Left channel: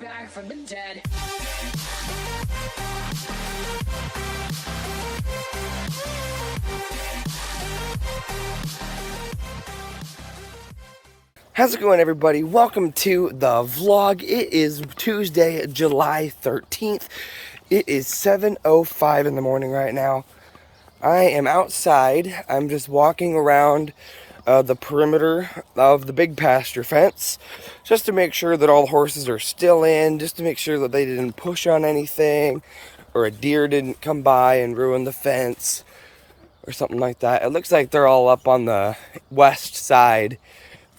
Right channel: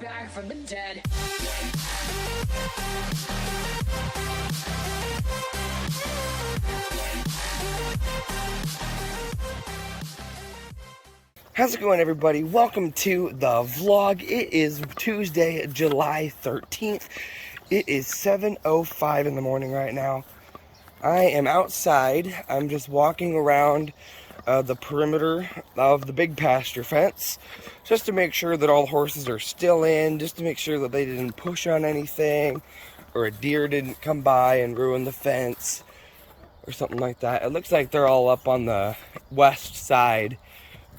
back from the dead. How's it going, everybody? Welcome to the vlog. It is Tuesday, July 13th. It is 7:05 in the morning right now. I am outside. I'm just walking around the perimeter of the big pasture fence just to make sure that all the horses are still in, just to make sure that they didn't push on anything or a deer didn't come by and ruin the fence or something like that. It looks like they're all up on the west side,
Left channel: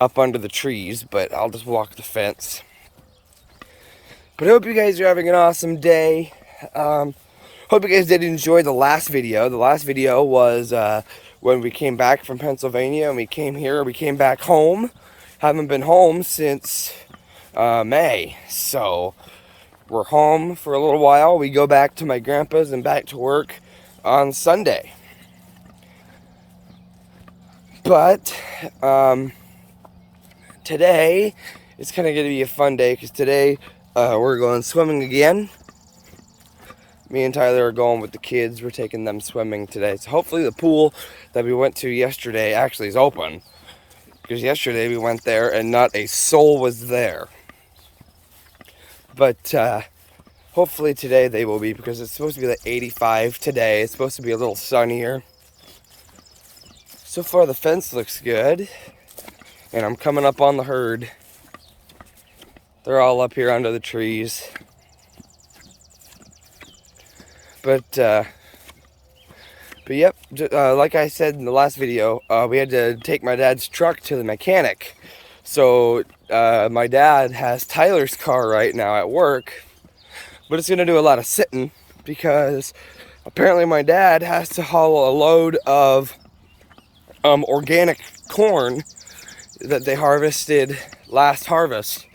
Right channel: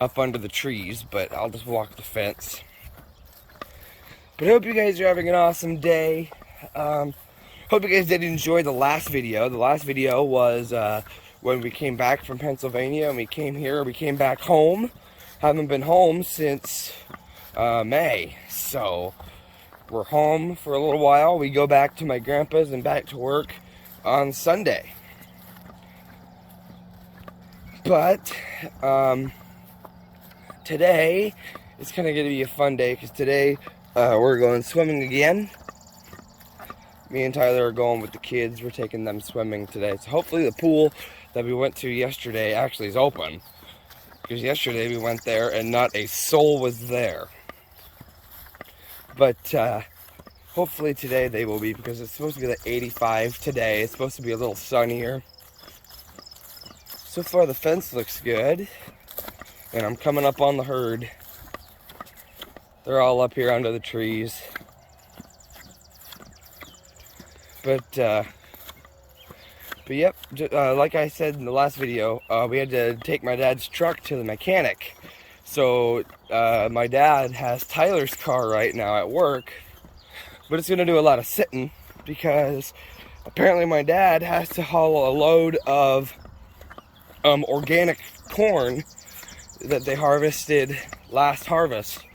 up under the trees, but I'll just walk the fence. But I hope you guys are having an awesome day. Hope you guys did enjoy the last video. The last video was when we came back from Pennsylvania and we came here. We came back home. Haven't been home since May. So we're home for a little while. We go back to my grandpa's and back to work on Sunday. But today it's kind of going to be a fun day because today we're going swimming again. Me and Tyler are going with the kids. We're taking them swimming today. So hopefully the pool that we went to yesterday actually is open. Because yesterday we went there and not a soul was there. But hopefully today they will be, because it's supposed to be like 85 today. It's supposed to be a little sunnier. So far the fence looks good. And I'm coming up on the herd. They're all up here under the trees. But yep, like I said in the last video, we had to take my dad's truck to the mechanic. So my dad has Tyler's car right now at work, but it's going to do a lot of sitting because apparently my dad has to haul a load of organic corn that they harvested last harvest.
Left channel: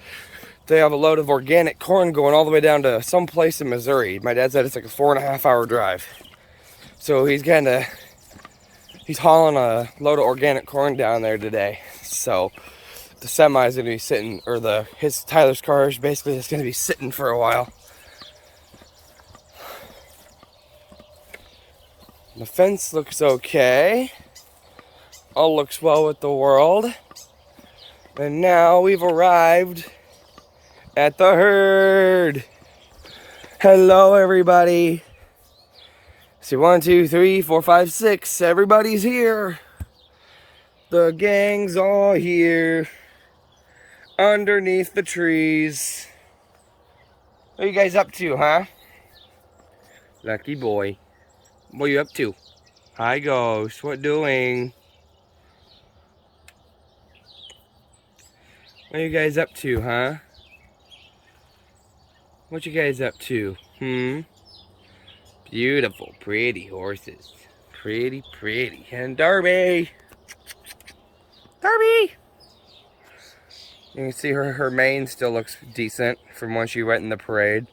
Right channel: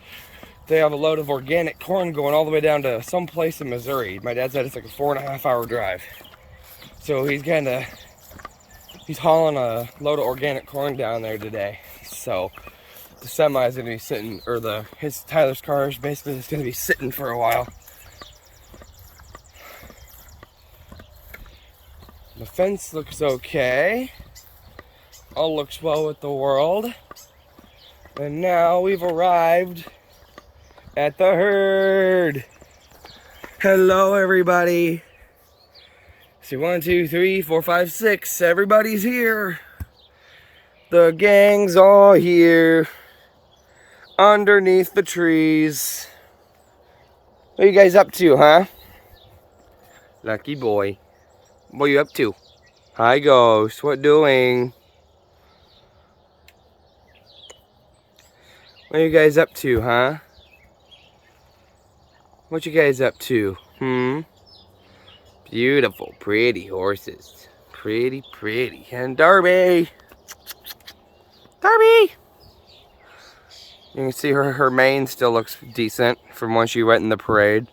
They have a load of organic corn going all the way down to some place in Missouri. My dad said it's like a 4.5 hour drive. So he's hauling a load of organic corn down there today. So the semi is going to be sitting, or Tyler's car is basically just going to be sitting for a while. The fence looks okay. All looks well with the world. And now we've arrived at the herd. Hello, everybody. See, 1, 2, 3, 4, 5, 6. Everybody's here. The gang's all here underneath the trees. What are you guys up to, huh? Lucky boy. What are you up to? Hi, Ghost. What doing? What are you guys up to, huh? What you guys up to? Beautiful, pretty horses. Pretty, pretty. And Darby! Darby! You can see her mane still looks decent from when she went in the parade.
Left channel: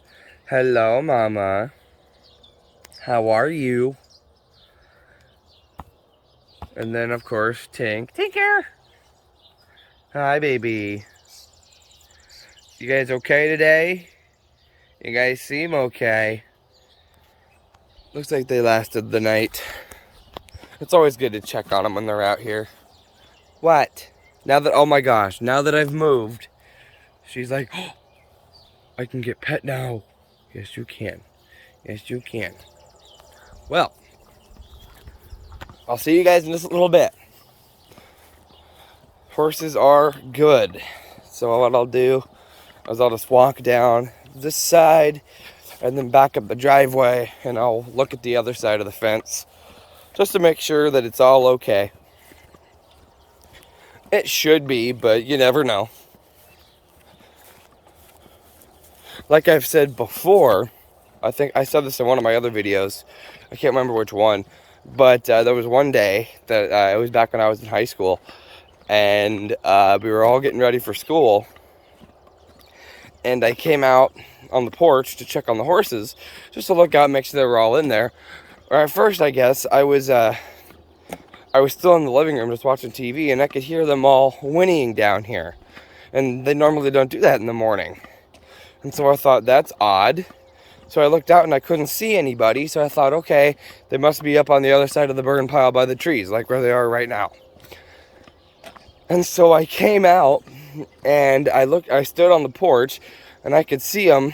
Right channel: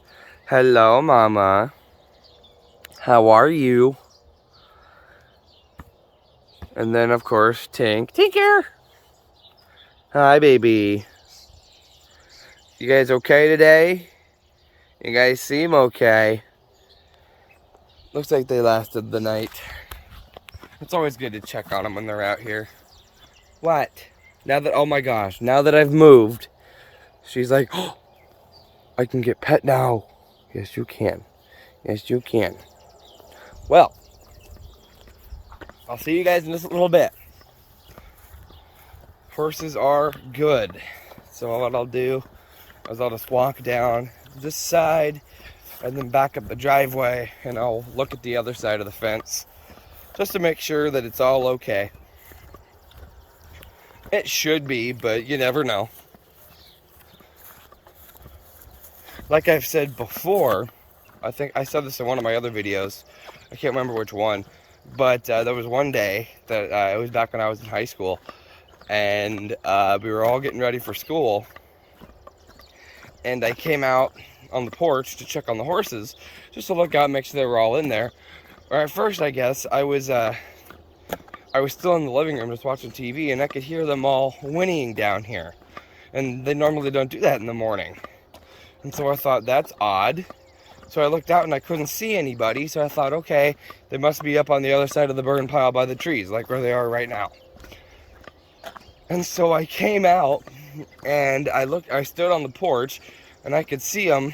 Hello, Mama. How are you? And then, of course, Tink. Tinker! Hi, baby. You guys okay today? You guys seem okay. Looks like they lasted the night. It's always good to check on them when they're out here. What? Oh my gosh, now that I've moved, she's like, oh, I can get pet now. Yes, you can. Yes, you can. Well, I'll see you guys in just a little bit. Horses are good. So what I'll do is I'll just walk down this side and then back up the driveway, and I'll look at the other side of the fence just to make sure that it's all okay. It should be, but you never know. Like I've said before, I think I said this in one of my other videos, I can't remember which one, but there was one day that it was back when I was in high school, and we were all getting ready for school, and I came out on the porch to check on the horses, just to look out and make sure they were all in there. Or at first, I guess, I was still in the living room just watching TV, and I could hear them all whinnying down here. And they normally don't do that in the morning. And so I thought, that's odd. So I looked out and I couldn't see anybody. So I thought, okay, they must be up on the other side of the burn pile by the trees, like where they are right now. And so I came out and I stood on the porch and I could see them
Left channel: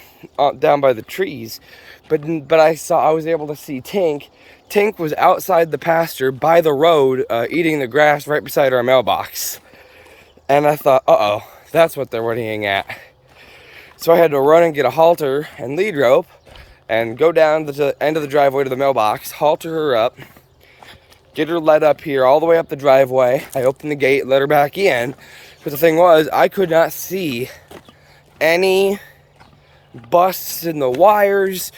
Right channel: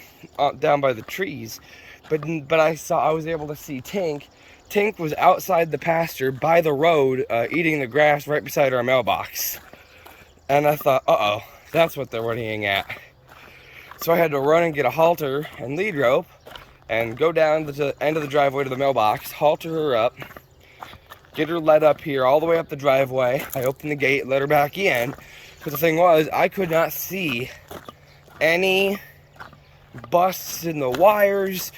down by the trees. But I was able to see Tink. Tink was outside the pasture by the road, eating the grass right beside our mailbox. And I thought, uh-oh, that's what they're whinnying at. So I had to run and get a halter and lead rope and go down to the end of the driveway to the mailbox, halter her up, get her led up here all the way up the driveway. I opened the gate, let her back in. But the thing was, I could not see any busts in the wires,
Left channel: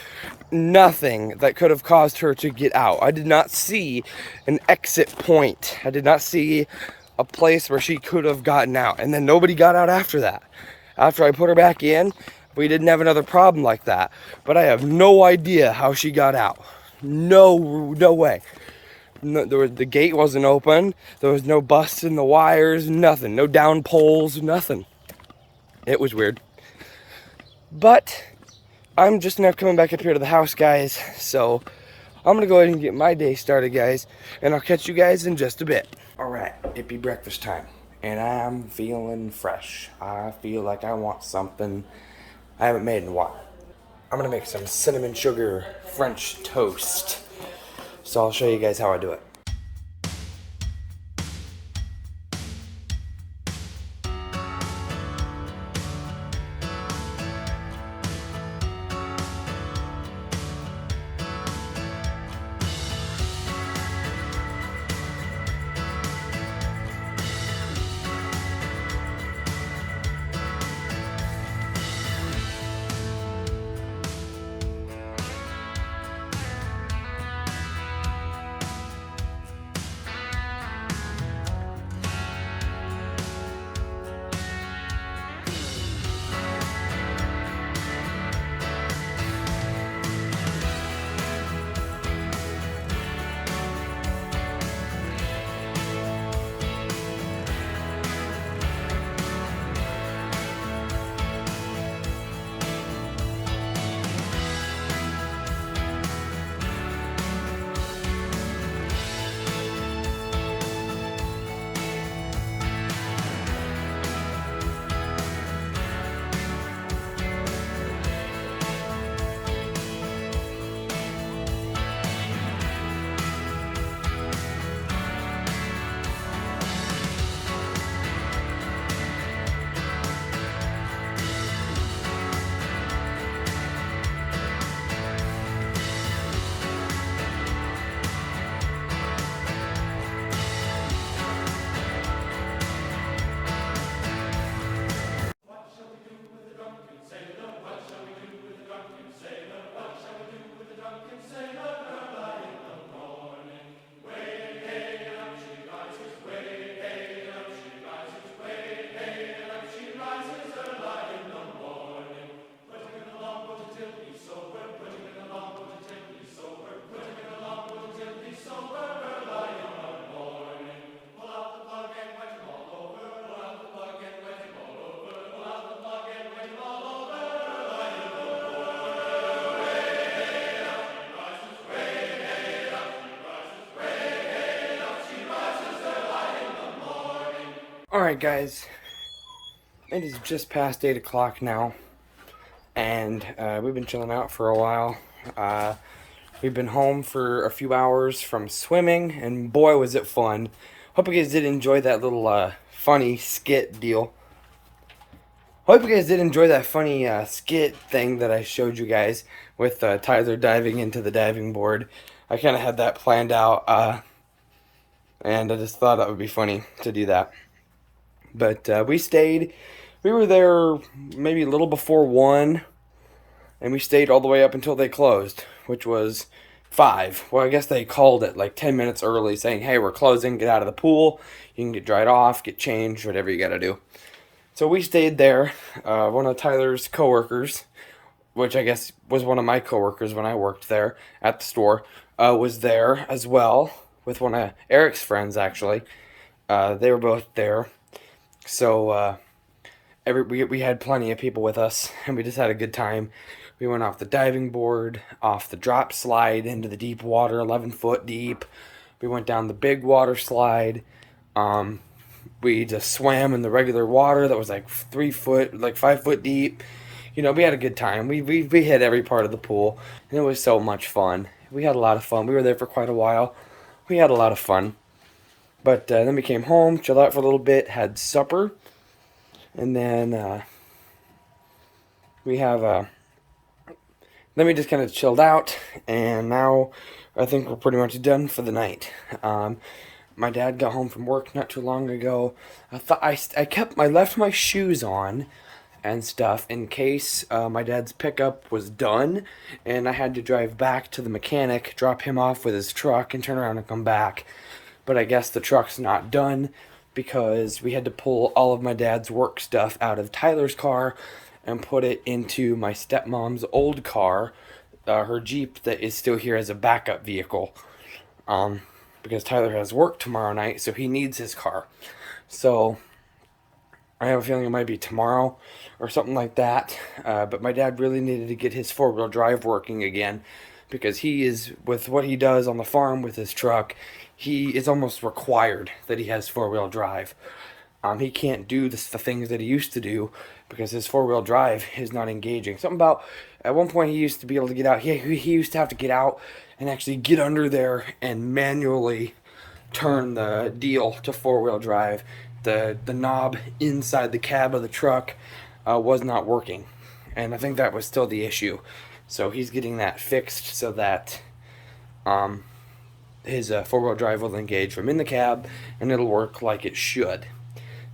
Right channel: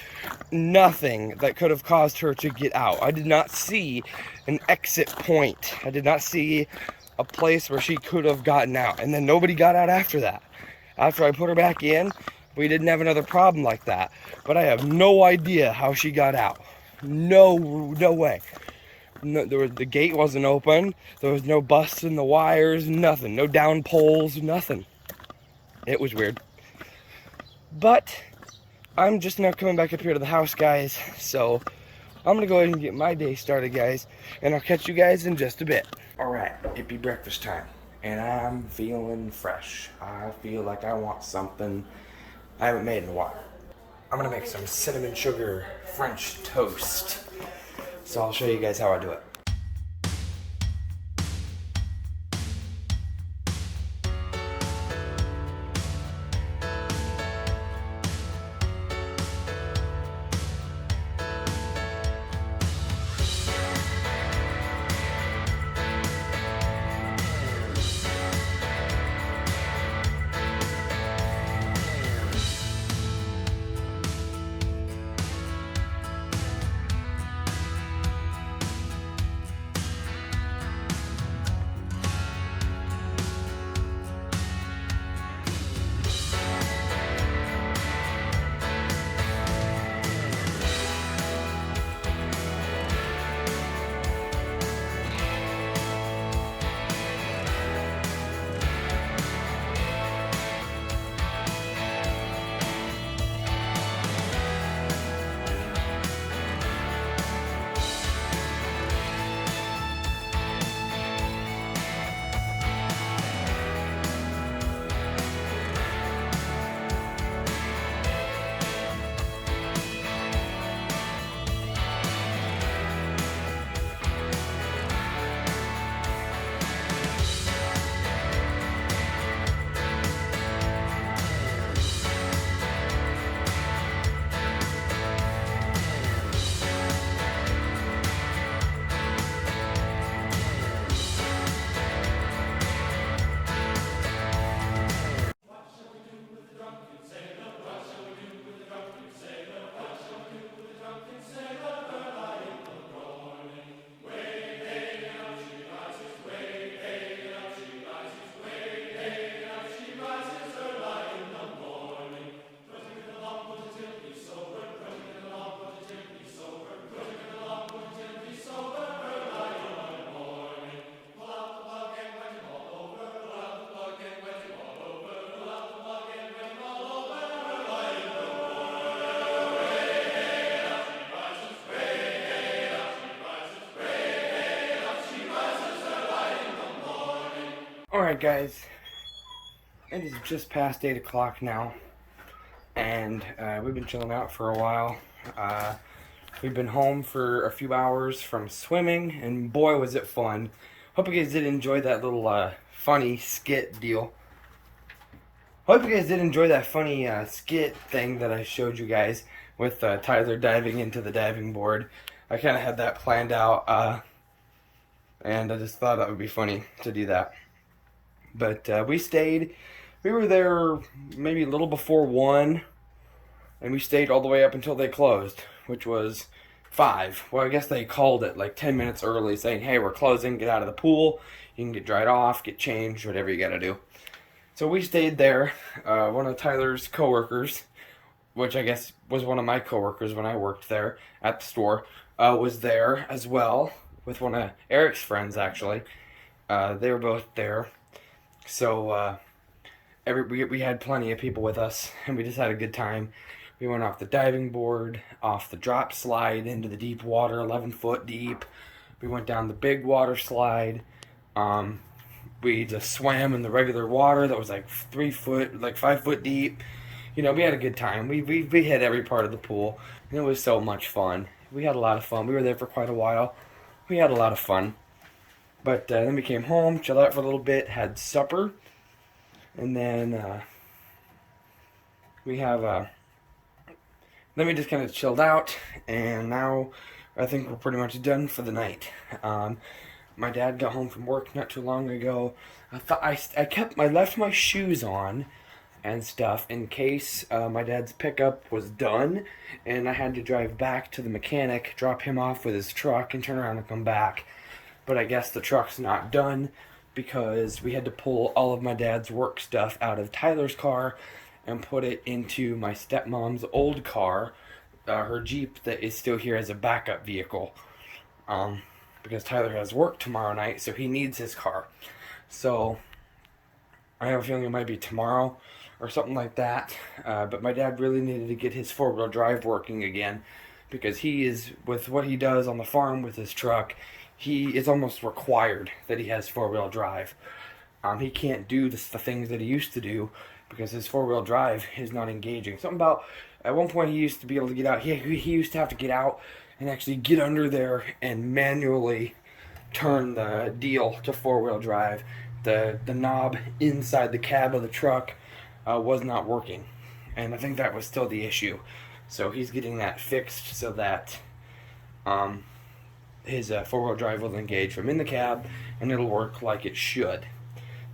nothing that could have caused her to get out. I did not see an exit point. I did not see a place where she could have gotten out. And then nobody got out after that. After I put her back in, we didn't have another problem like that. But I have no idea how she got out. No way. No, the gate wasn't open. There was no busts in the wires, nothing. No down poles, nothing. It was weird. But I'm just now coming back up here to the house, guys. So I'm going to go ahead and get my day started, guys. And I'll catch you guys in just a bit. All right, it be breakfast time. And I'm feeling fresh. I feel like I want something I haven't made in a while. I'm going to make some cinnamon sugar French toast. So I'll show you guys how I do it. Alright guys, it is just past 8 o'clock now, and we've been chilling out for a while. We've been home for a few hours from swimming, and boy was it fun. Hope you guys did enjoy that little funny skit deal. Hope you guys did enjoy that funny skit thing that I showed you guys with Tyler diving into the diving board. I kind of had that planned out, and I just thought that would be funny to do that. But we were there maybe a little before 1, and we stayed all the way up until they closed, which was 5. Well, I guess they called it like 10 minutes early saying, hey, we're closing, get out of the pool, you can get dried off, get changed, whatever you gotta do. So we stayed there. One of Tyler's coworkers, which I guess was one of my coworkers when I worked there at the store, was there as well with one of Eric's friends, actually. They were both there. So we had plenty of people with us, and we just had a good time. We went off the diving board, off the drop slide into the deep water, 11 foot deep. We went down the big water slide. Um, we just swam in the regular water that was like 3 foot, like 5 foot deep. You know, we had a good time. We hit every part of the pool, and it was so much fun. We had a lot of fun. We were there for quite a while. We had a lot of fun. But then we came home, chilled out for a little bit, had supper, and then we just kind of chilled out, and now I think we're pretty much done for the night. My dad got home from work not too long ago. I left my shoes on and stuff in case my dad's pickup was done and I had to drive back to the mechanic, drop him off with his truck, and turn around and come back. But I guess the truck's not done because we had to pull all of my dad's work stuff out of Tyler's car and put it into my stepmom's old car, her Jeep that is still here as a backup vehicle. Because Tyler has work tomorrow night, so he needs his car. So I have a feeling it might be tomorrow or something like that. But my dad really needed to get his four-wheel drive working again because he is, with what he does on the farm with his truck, he is almost required that he has four-wheel drive. He can't do the things that he used to do because his four-wheel drive is not engaging. Something about, at one point he used to be able to get out, he used to have to get out and actually get under there and manually turn the deal to four-wheel drive. The knob inside the cab of the truck was not working, and I think that was still the issue. So he's getting that fixed so that his four-wheel drive will engage from in the cab, and it'll work like it should.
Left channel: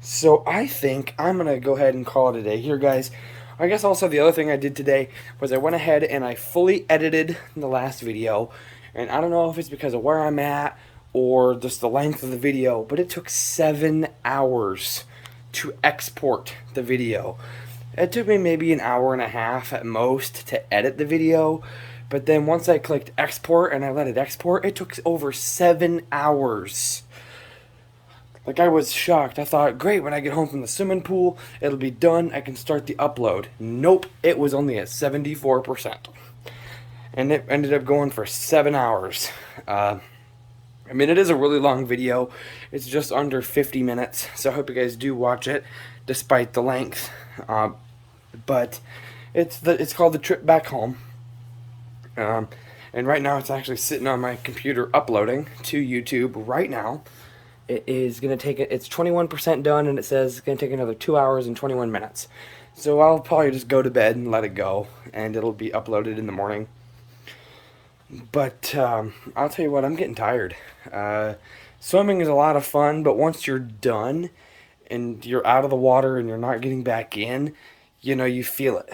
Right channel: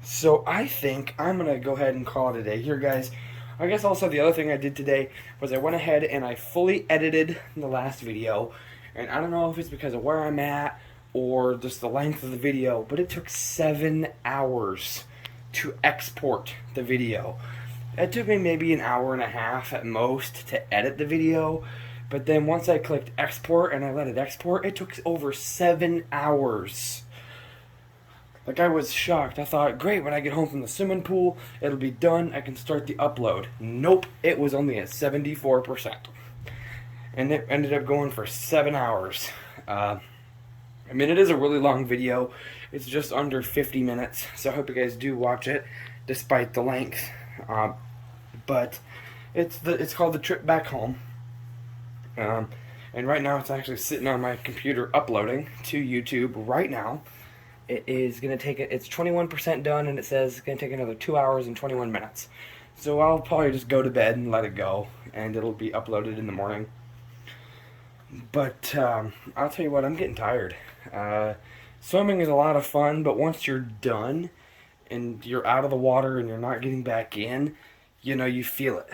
So I think I'm going to go ahead and call it a day here, guys. I guess also the other thing I did today was I went ahead and I fully edited the last video. And I don't know if it's because of where I'm at or just the length of the video, but it took 7 hours to export the video. It took me maybe an hour and a half at most to edit the video. But then once I clicked export and I let it export, it took over 7 hours. Like, I was shocked. I thought, great, when I get home from the swimming pool, it'll be done. I can start the upload. Nope, it was only at 74%. And it ended up going for 7 hours. I mean, it is a really long video. It's just under 50 minutes, so I hope you guys do watch it, despite the length. But it's called The Trip Back Home. And right now it's actually sitting on my computer uploading to YouTube right now. It is going to take it's 21% done, and it says it's going to take another 2 hours and 21 minutes. So I'll probably just go to bed and let it go, and it'll be uploaded in the morning. But I'll tell you what, I'm getting tired. Swimming is a lot of fun, but once you're done and you're out of the water and you're not getting back in, you know, you feel it.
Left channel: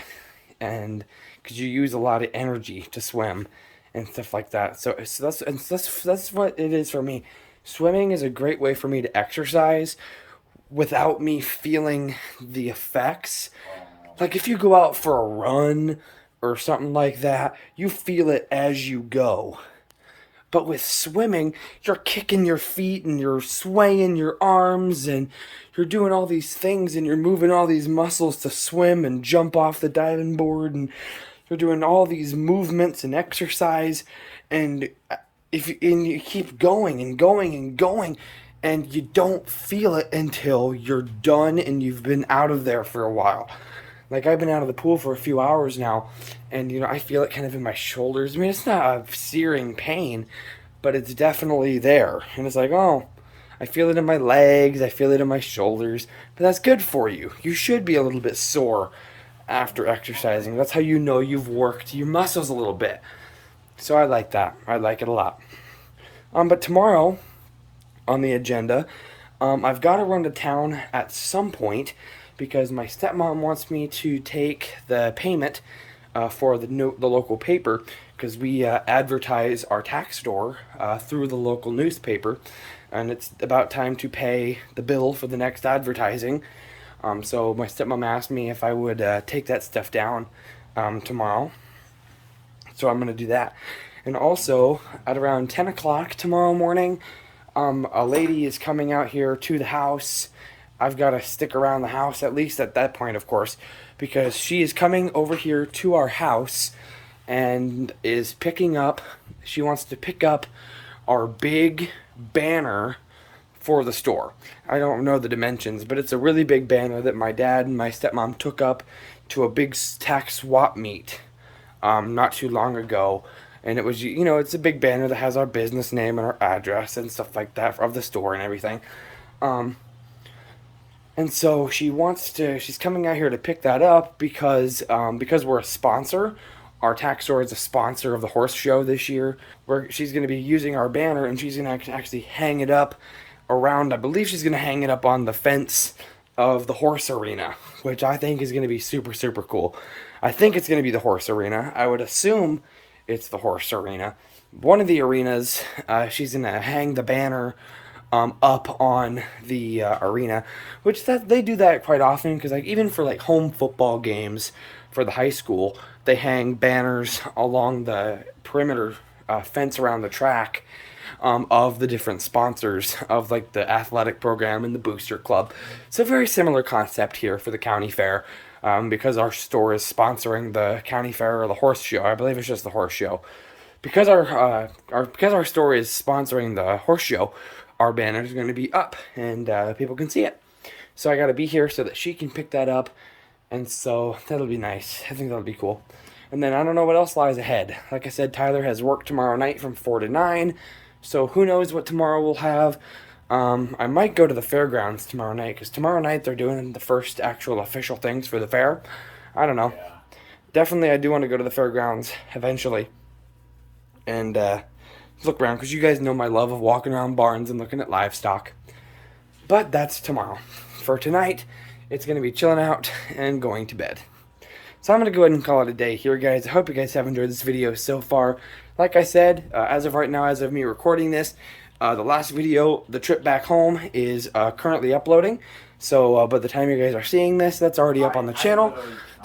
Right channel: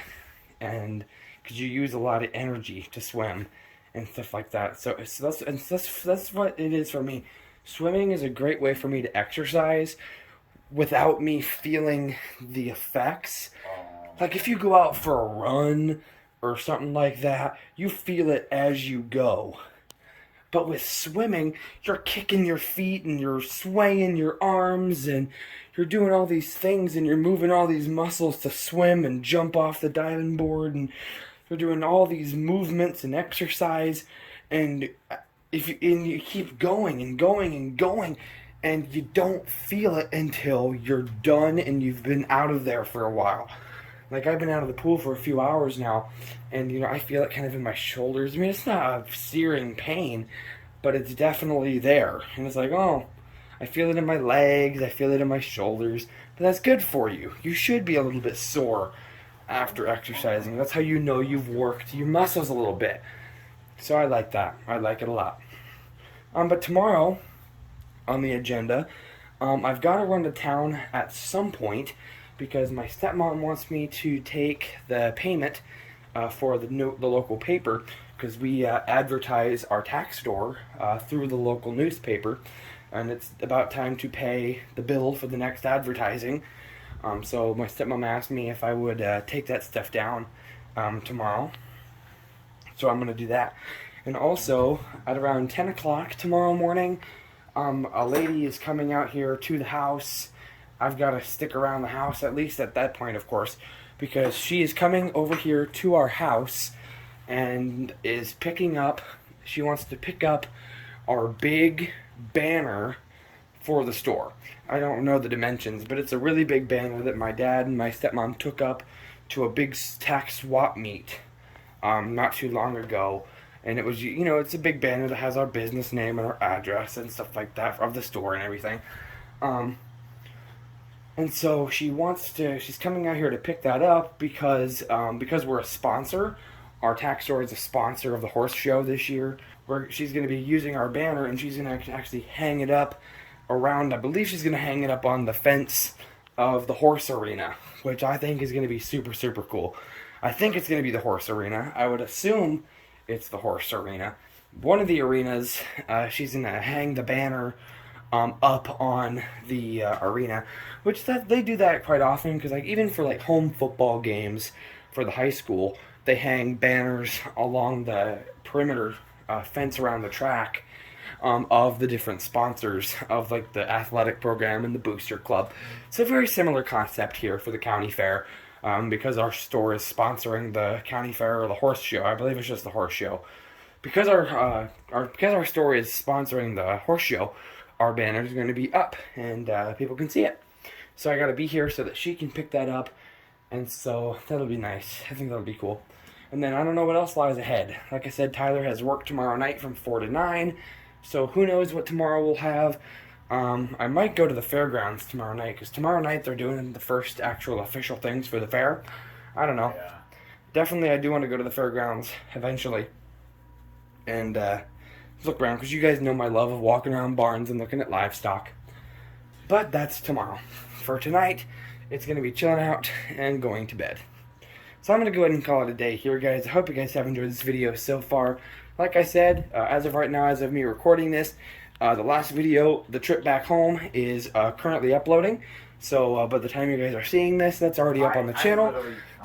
And because you use a lot of energy to swim and stuff like that. So that's what it is for me. Swimming is a great way for me to exercise without me feeling the effects. Like if you go out for a run or something like that, you feel it as you go. But with swimming, you're kicking your feet and you're swaying your arms and you're doing all these things and you're moving all these muscles to swim and jump off the diving board, and you're doing all these movements and exercise, and you keep going and going and going, and you don't feel it until you're done and you've been out of there for a while. Like, I've been out of the pool for a few hours now, and, you know, I feel it kind of in my shoulders. I mean, it's not a searing pain, but it's definitely there. And it's like, oh, I feel it in my legs, I feel it in my shoulders. But that's good for you. You should be a little bit sore after exercising. That's how you know you've worked your muscles a little bit. So I like that. I like it a lot. But tomorrow, on the agenda, I've got to run to town at some point because my stepmom wants me to take the payment for the local paper, because we advertise our tax store through the local newspaper, and it's about time to pay the bill for the next advertising. So my stepmom asked me if I would take that stuff down tomorrow. So I'm going to do that. And also, at around 10 o'clock tomorrow morning, a lady is coming out here to the house I've got to stick around the house, at least at that point, of course, because she is coming over here to our house and is picking up, she wants to pick up our big banner for the store. I don't know the dimensions, but it's a really big banner that my dad and my stepmom took up to a big tax swap meet not too long ago. And it was, you know, it's a big banner that has our business name and our address and stuff like that of the store and everything. And so she's coming out here to pick that up because we're a sponsor. Our tax store is a sponsor of the horse show this year. Where she's going to be using our banner, and she's going to actually hang it up around. I believe she's going to hang it up on the fence of the horse arena, which I think is going to be super, super cool. I think it's going to be the horse arena. I would assume it's the horse arena. One of the arenas, she's going to hang the banner up on the arena, which they do that quite often, because like even for like home football games for the high school, they hang banners along the perimeter fence around the track of the different sponsors of like the athletic program and the booster club. So very similar concept here for the county fair, because our store is sponsoring the county fair or the horse show. I believe it's just the horse show. Because our store is sponsoring the horse show, our banner is going to be up and people can see it. So I got to be here so that she can pick that up, and so that'll be nice. I think that'll be cool. And then I don't know what else lies ahead. Like I said, Tyler has work tomorrow night from 4 to 9, so who knows what tomorrow will have. I might go to the fairgrounds tomorrow night, because tomorrow night they're doing the first actual official things for the fair. I don't know. Yeah. Definitely I do want to go to the fairgrounds eventually and look around, because you guys know my love of walking around barns and looking at livestock. But that's tomorrow. For tonight, it's going to be chilling out and going to bed. So I'm going to go ahead and call it a day here, guys. I hope you guys have enjoyed this video so far. Like I said, as of right now, as of me recording this, the last video, the trip back home, is currently uploading. So by the time you guys are seeing this, that's already up on the channel.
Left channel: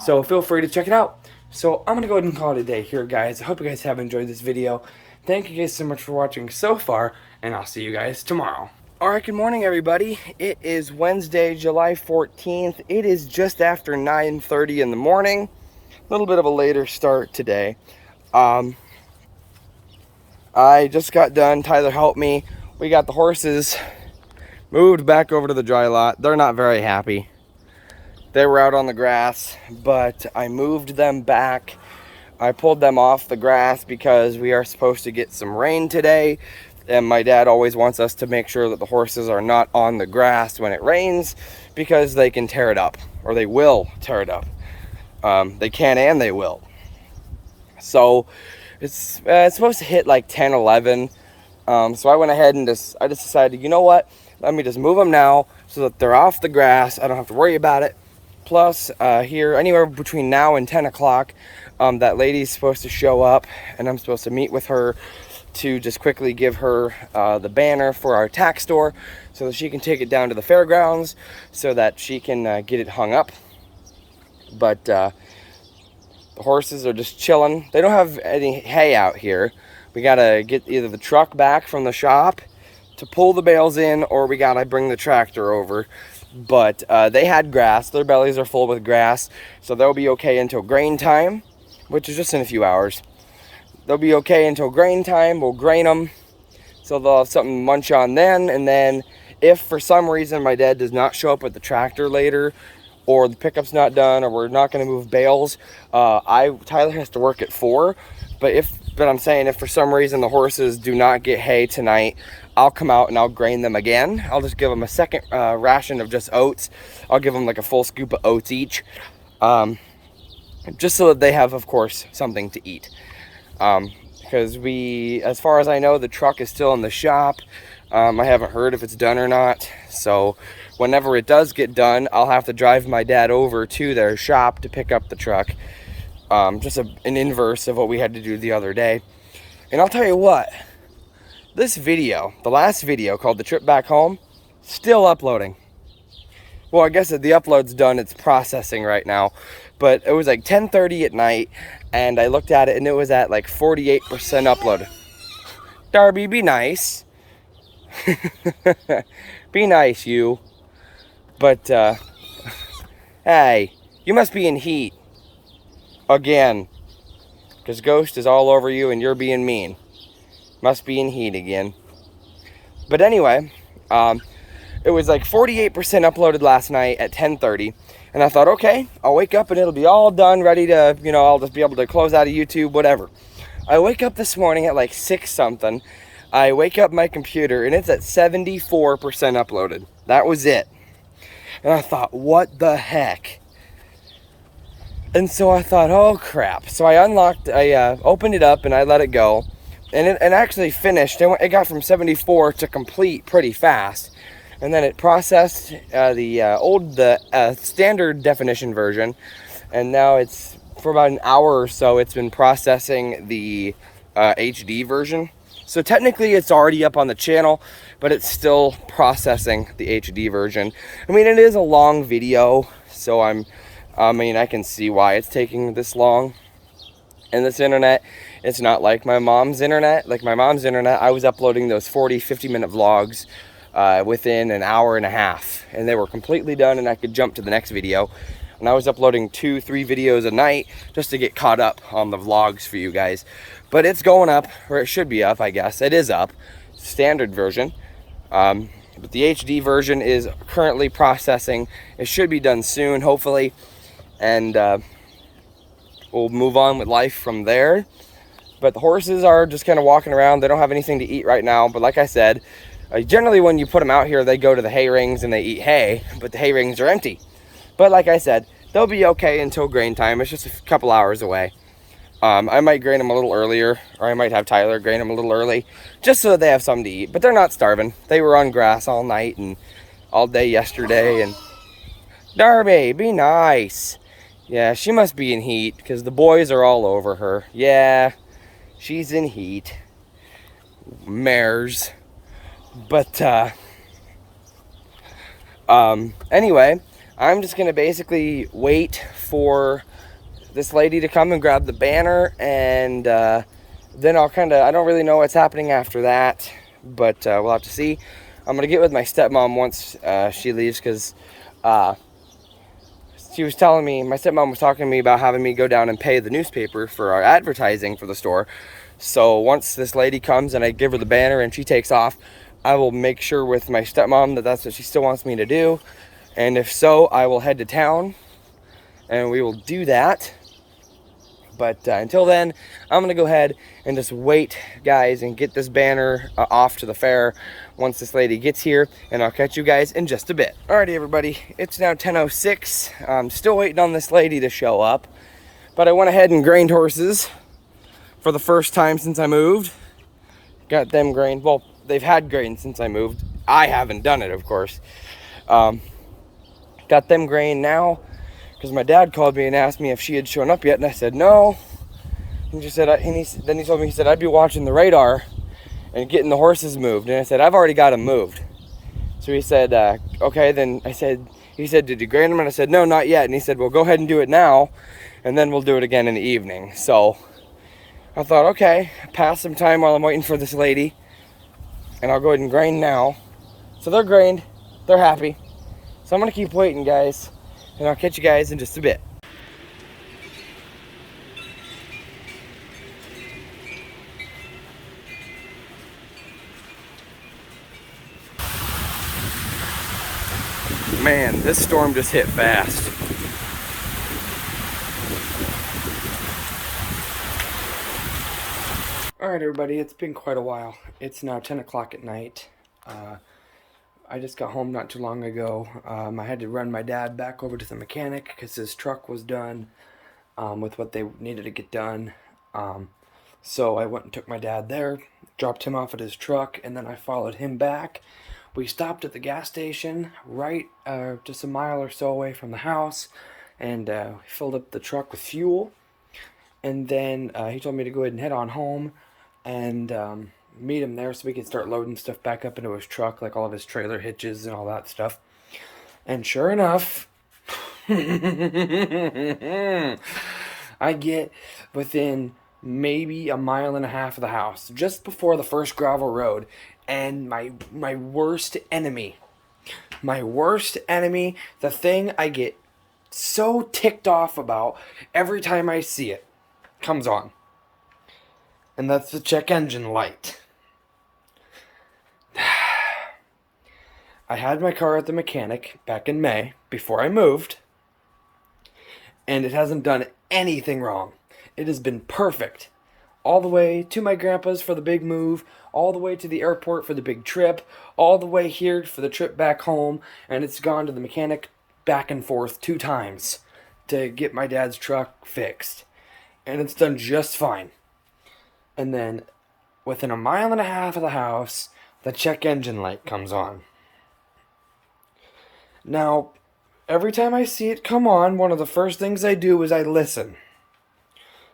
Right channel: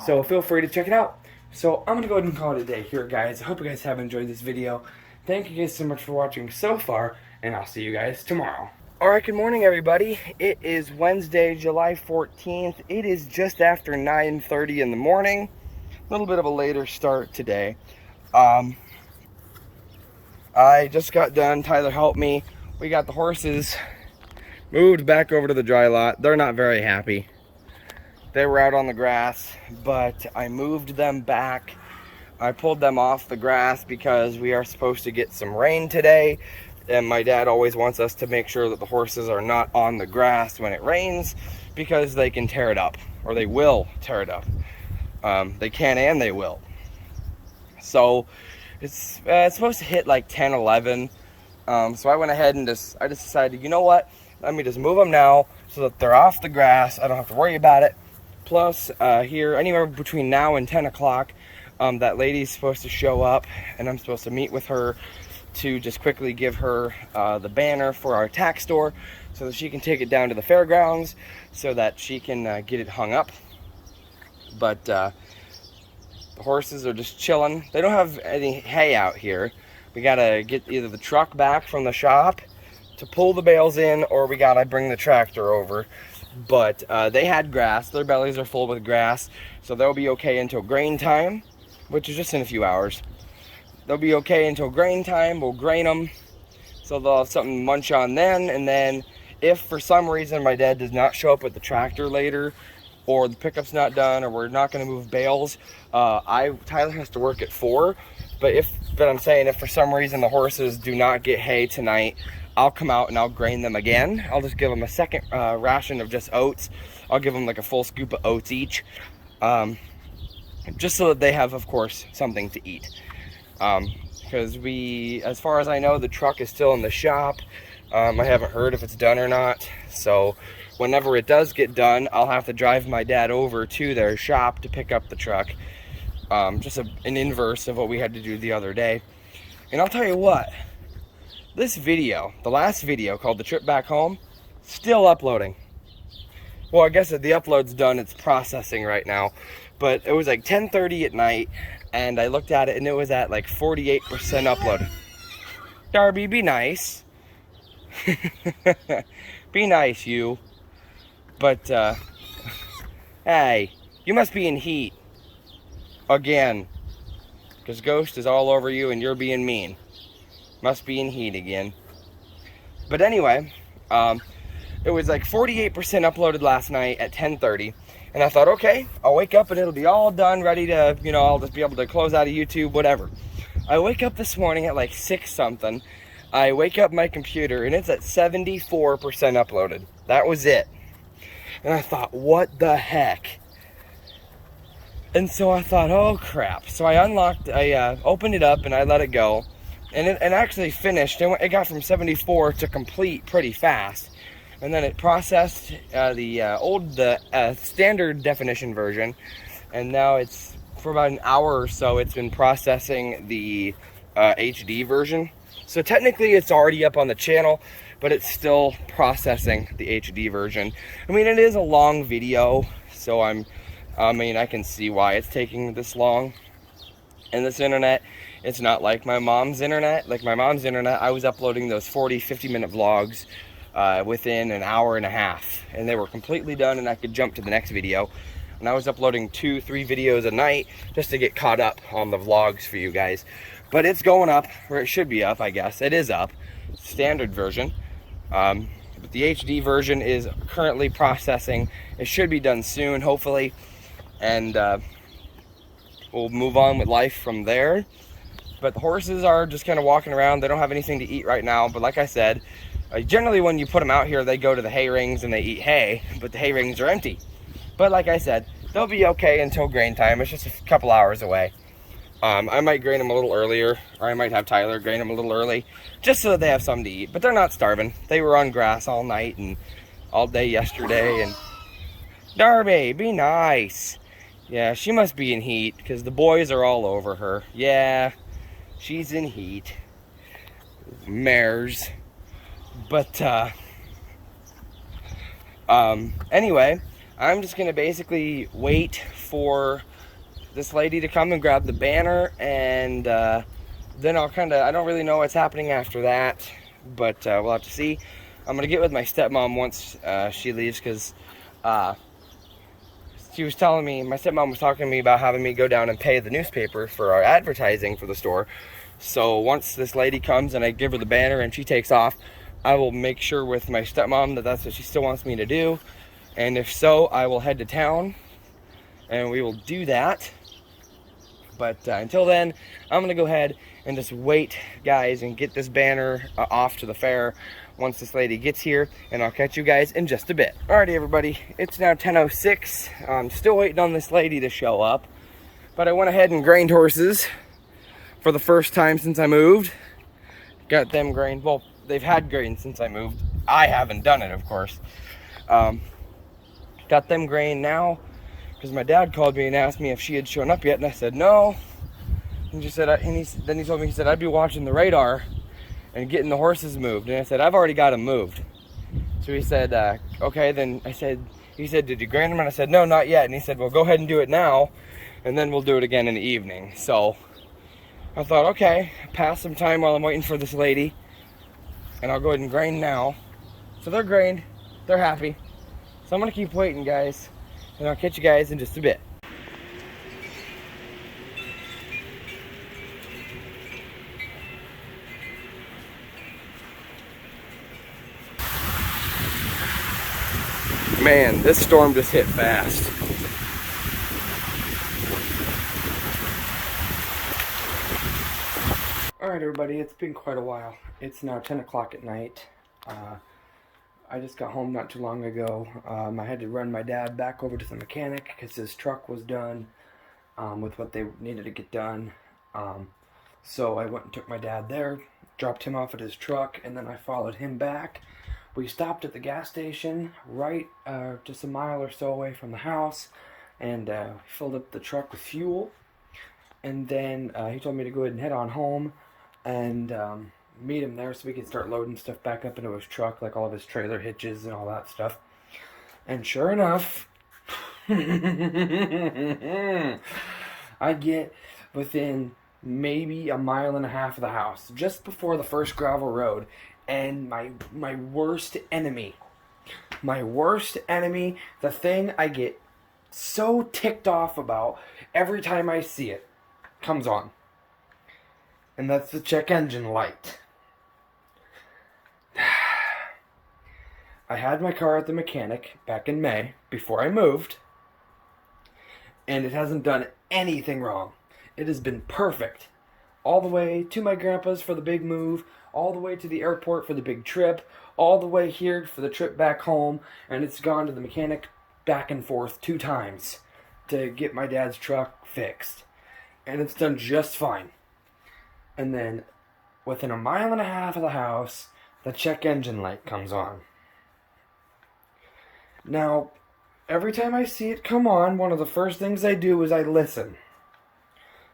So feel free to check it out. So I'm going to go ahead and call it a day here, guys. I hope you guys have enjoyed this video. Thank you guys so much for watching so far, and I'll see you guys tomorrow. Alright, good morning, everybody. It is Wednesday, July 14th. It is just after 9:30 in the morning. A little bit of a later start today. I just got done. Tyler helped me. We got the horses moved back over to the dry lot. They're not very happy. They were out on the grass, but I moved them back. I pulled them off the grass because we are supposed to get some rain today, and my dad always wants us to make sure that the horses are not on the grass when it rains, because they can tear it up, or they will tear it up. They can and they will. So it's supposed to hit like 10, 11. So I went ahead and I just decided, you know what? Let me just move them now so that they're off the grass. I don't have to worry about it. Plus, here, anywhere between now and 10 o'clock, that lady's supposed to show up, and I'm supposed to meet with her to just quickly give her the banner for our tax store so that she can take it down to the fairgrounds so that she can get it hung up. But the horses are just chilling. They don't have any hay out here. We gotta get either the truck back from the shop to pull the bales in, or we gotta bring the tractor over. But they had grass. Their bellies are full with grass, so they'll be okay until grain time, which is just in a few hours. They'll be okay until grain time. We'll grain them, so they'll have something to munch on then. And then if for some reason my dad does not show up with the tractor later, or the pickup's not done, or we're not going to move bales, Tyler has to work at 4. But I'm saying if for some reason the horses do not get hay tonight, I'll come out and I'll grain them again. I'll just give them a second ration of just oats. I'll give them like a full scoop of oats each, just so that they have, of course, something to eat. Because as far as I know, the truck is still in the shop. I haven't heard if it's done or not. So whenever it does get done, I'll have to drive my dad over to their shop to pick up the truck. Just an inverse of what we had to do the other day. And I'll tell you what, this video, the last video called The Trip Back Home, still uploading. Well, I guess the upload's done. It's processing right now. But it was like 10:30 at night, and I looked at it, and it was at like 48% upload. Darby, be nice. Be nice, you. But, hey, you must be in heat. Again. Because Ghost is all over you and you're being mean. Must be in heat again. But anyway, it was like 48% uploaded last night at 10:30. And I thought, okay, I'll wake up and it'll be all done, ready to, I'll just be able to close out of YouTube, whatever. I wake up this morning at like 6 something. I wake up my computer and it's at 74% uploaded. That was it. And I thought, what the heck? And so I thought, oh crap. So I opened it up and I let it go. And it actually finished. It got from 74 to complete pretty fast. And then it processed the standard definition version. And now it's, for about an hour or so, it's been processing the HD version. So technically it's already up on the channel, but it's still processing the HD version. I mean, it is a long video, so I can see why it's taking this long. And this internet, it's not like my mom's internet. Like my mom's internet, I was uploading those 40, 50-minute vlogs within an hour and a half. And they were completely done and I could jump to the next video. And I was uploading 2-3 videos a night just to get caught up on the vlogs for you guys. But it's going up, or it should be up, I guess. It is up, standard version. But the HD version is currently processing. It should be done soon, hopefully. And we'll move on with life from there. But the horses are just kind of walking around. They don't have anything to eat right now. But like I said, generally when you put them out here, they go to the hay rings and they eat hay. But the hay rings are empty. But like I said, they'll be okay until grain time. It's just a couple hours away. I might grain them a little earlier, or I might have Tyler grain them a little early, just so that they have something to eat. But they're not starving. They were on grass all night and all day yesterday. And Darby, be nice. Yeah, she must be in heat, because the boys are all over her. Yeah, she's in heat. Mares. But, anyway, I'm just going to basically wait for this lady to come and grab the banner, and then I don't really know what's happening after that, but we'll have to see. I'm gonna get with my stepmom once she leaves, because she was telling me, my stepmom was talking to me about having me go down and pay the newspaper for our advertising for the store. So once this lady comes and I give her the banner and she takes off, I will make sure with my stepmom that that's what she still wants me to do, and if so, I will head to town and we will do that. But until then, I'm going to go ahead and just wait, guys, and get this banner off to the fair once this lady gets here. And I'll catch you guys in just a bit. Alrighty, everybody. It's now 10:06. I'm still waiting on this lady to show up. But I went ahead and grained horses for the first time since I moved. Got them grained. Well, they've had grain since I moved. I haven't done it, of course. Got them grained now, because my dad called me and asked me if she had shown up yet, and I said no. And then he told me, he said I'd be watching the radar and getting the horses moved, and I said I've already got them moved. So he said okay. Then he said did you grain them? And I said no, not yet. And he said well, go ahead and do it now, and then we'll do it again in the evening. So I thought, okay, pass some time while I'm waiting for this lady, and I'll go ahead and grain now. So they're grained, they're happy. So I'm gonna keep waiting, guys. And I'll catch you guys in just a bit. Man, this storm just hit fast. Alright, everybody, it's been quite a while. It's now 10 o'clock at night. I just got home not too long ago. I had to run my dad back over to the mechanic because his truck was done with what they needed to get done. So I went and took my dad there, dropped him off at his truck, and then I followed him back. We stopped at the gas station right just a mile or so away from the house, and filled up the truck with fuel. And then he told me to go ahead and head on home and meet him there so we could start loading stuff back up into his truck, like all of his trailer hitches and all that stuff. And sure enough, I get within maybe a mile and a half of the house, just before the first gravel road, and my worst enemy my worst enemy, the thing I get so ticked off about every time I see it, comes on. And that's the check engine light. I had my car at the mechanic back in May before I moved, and it hasn't done anything wrong. It has been perfect. All the way to my grandpa's for the big move, all the way to the airport for the big trip, all the way here for the trip back home, and it's gone to the mechanic back and forth 2 times to get my dad's truck fixed. And it's done just fine. And then within 1.5 miles of the house, the check engine light comes on. Now, every time I see it come on, one of the first things I do is I listen.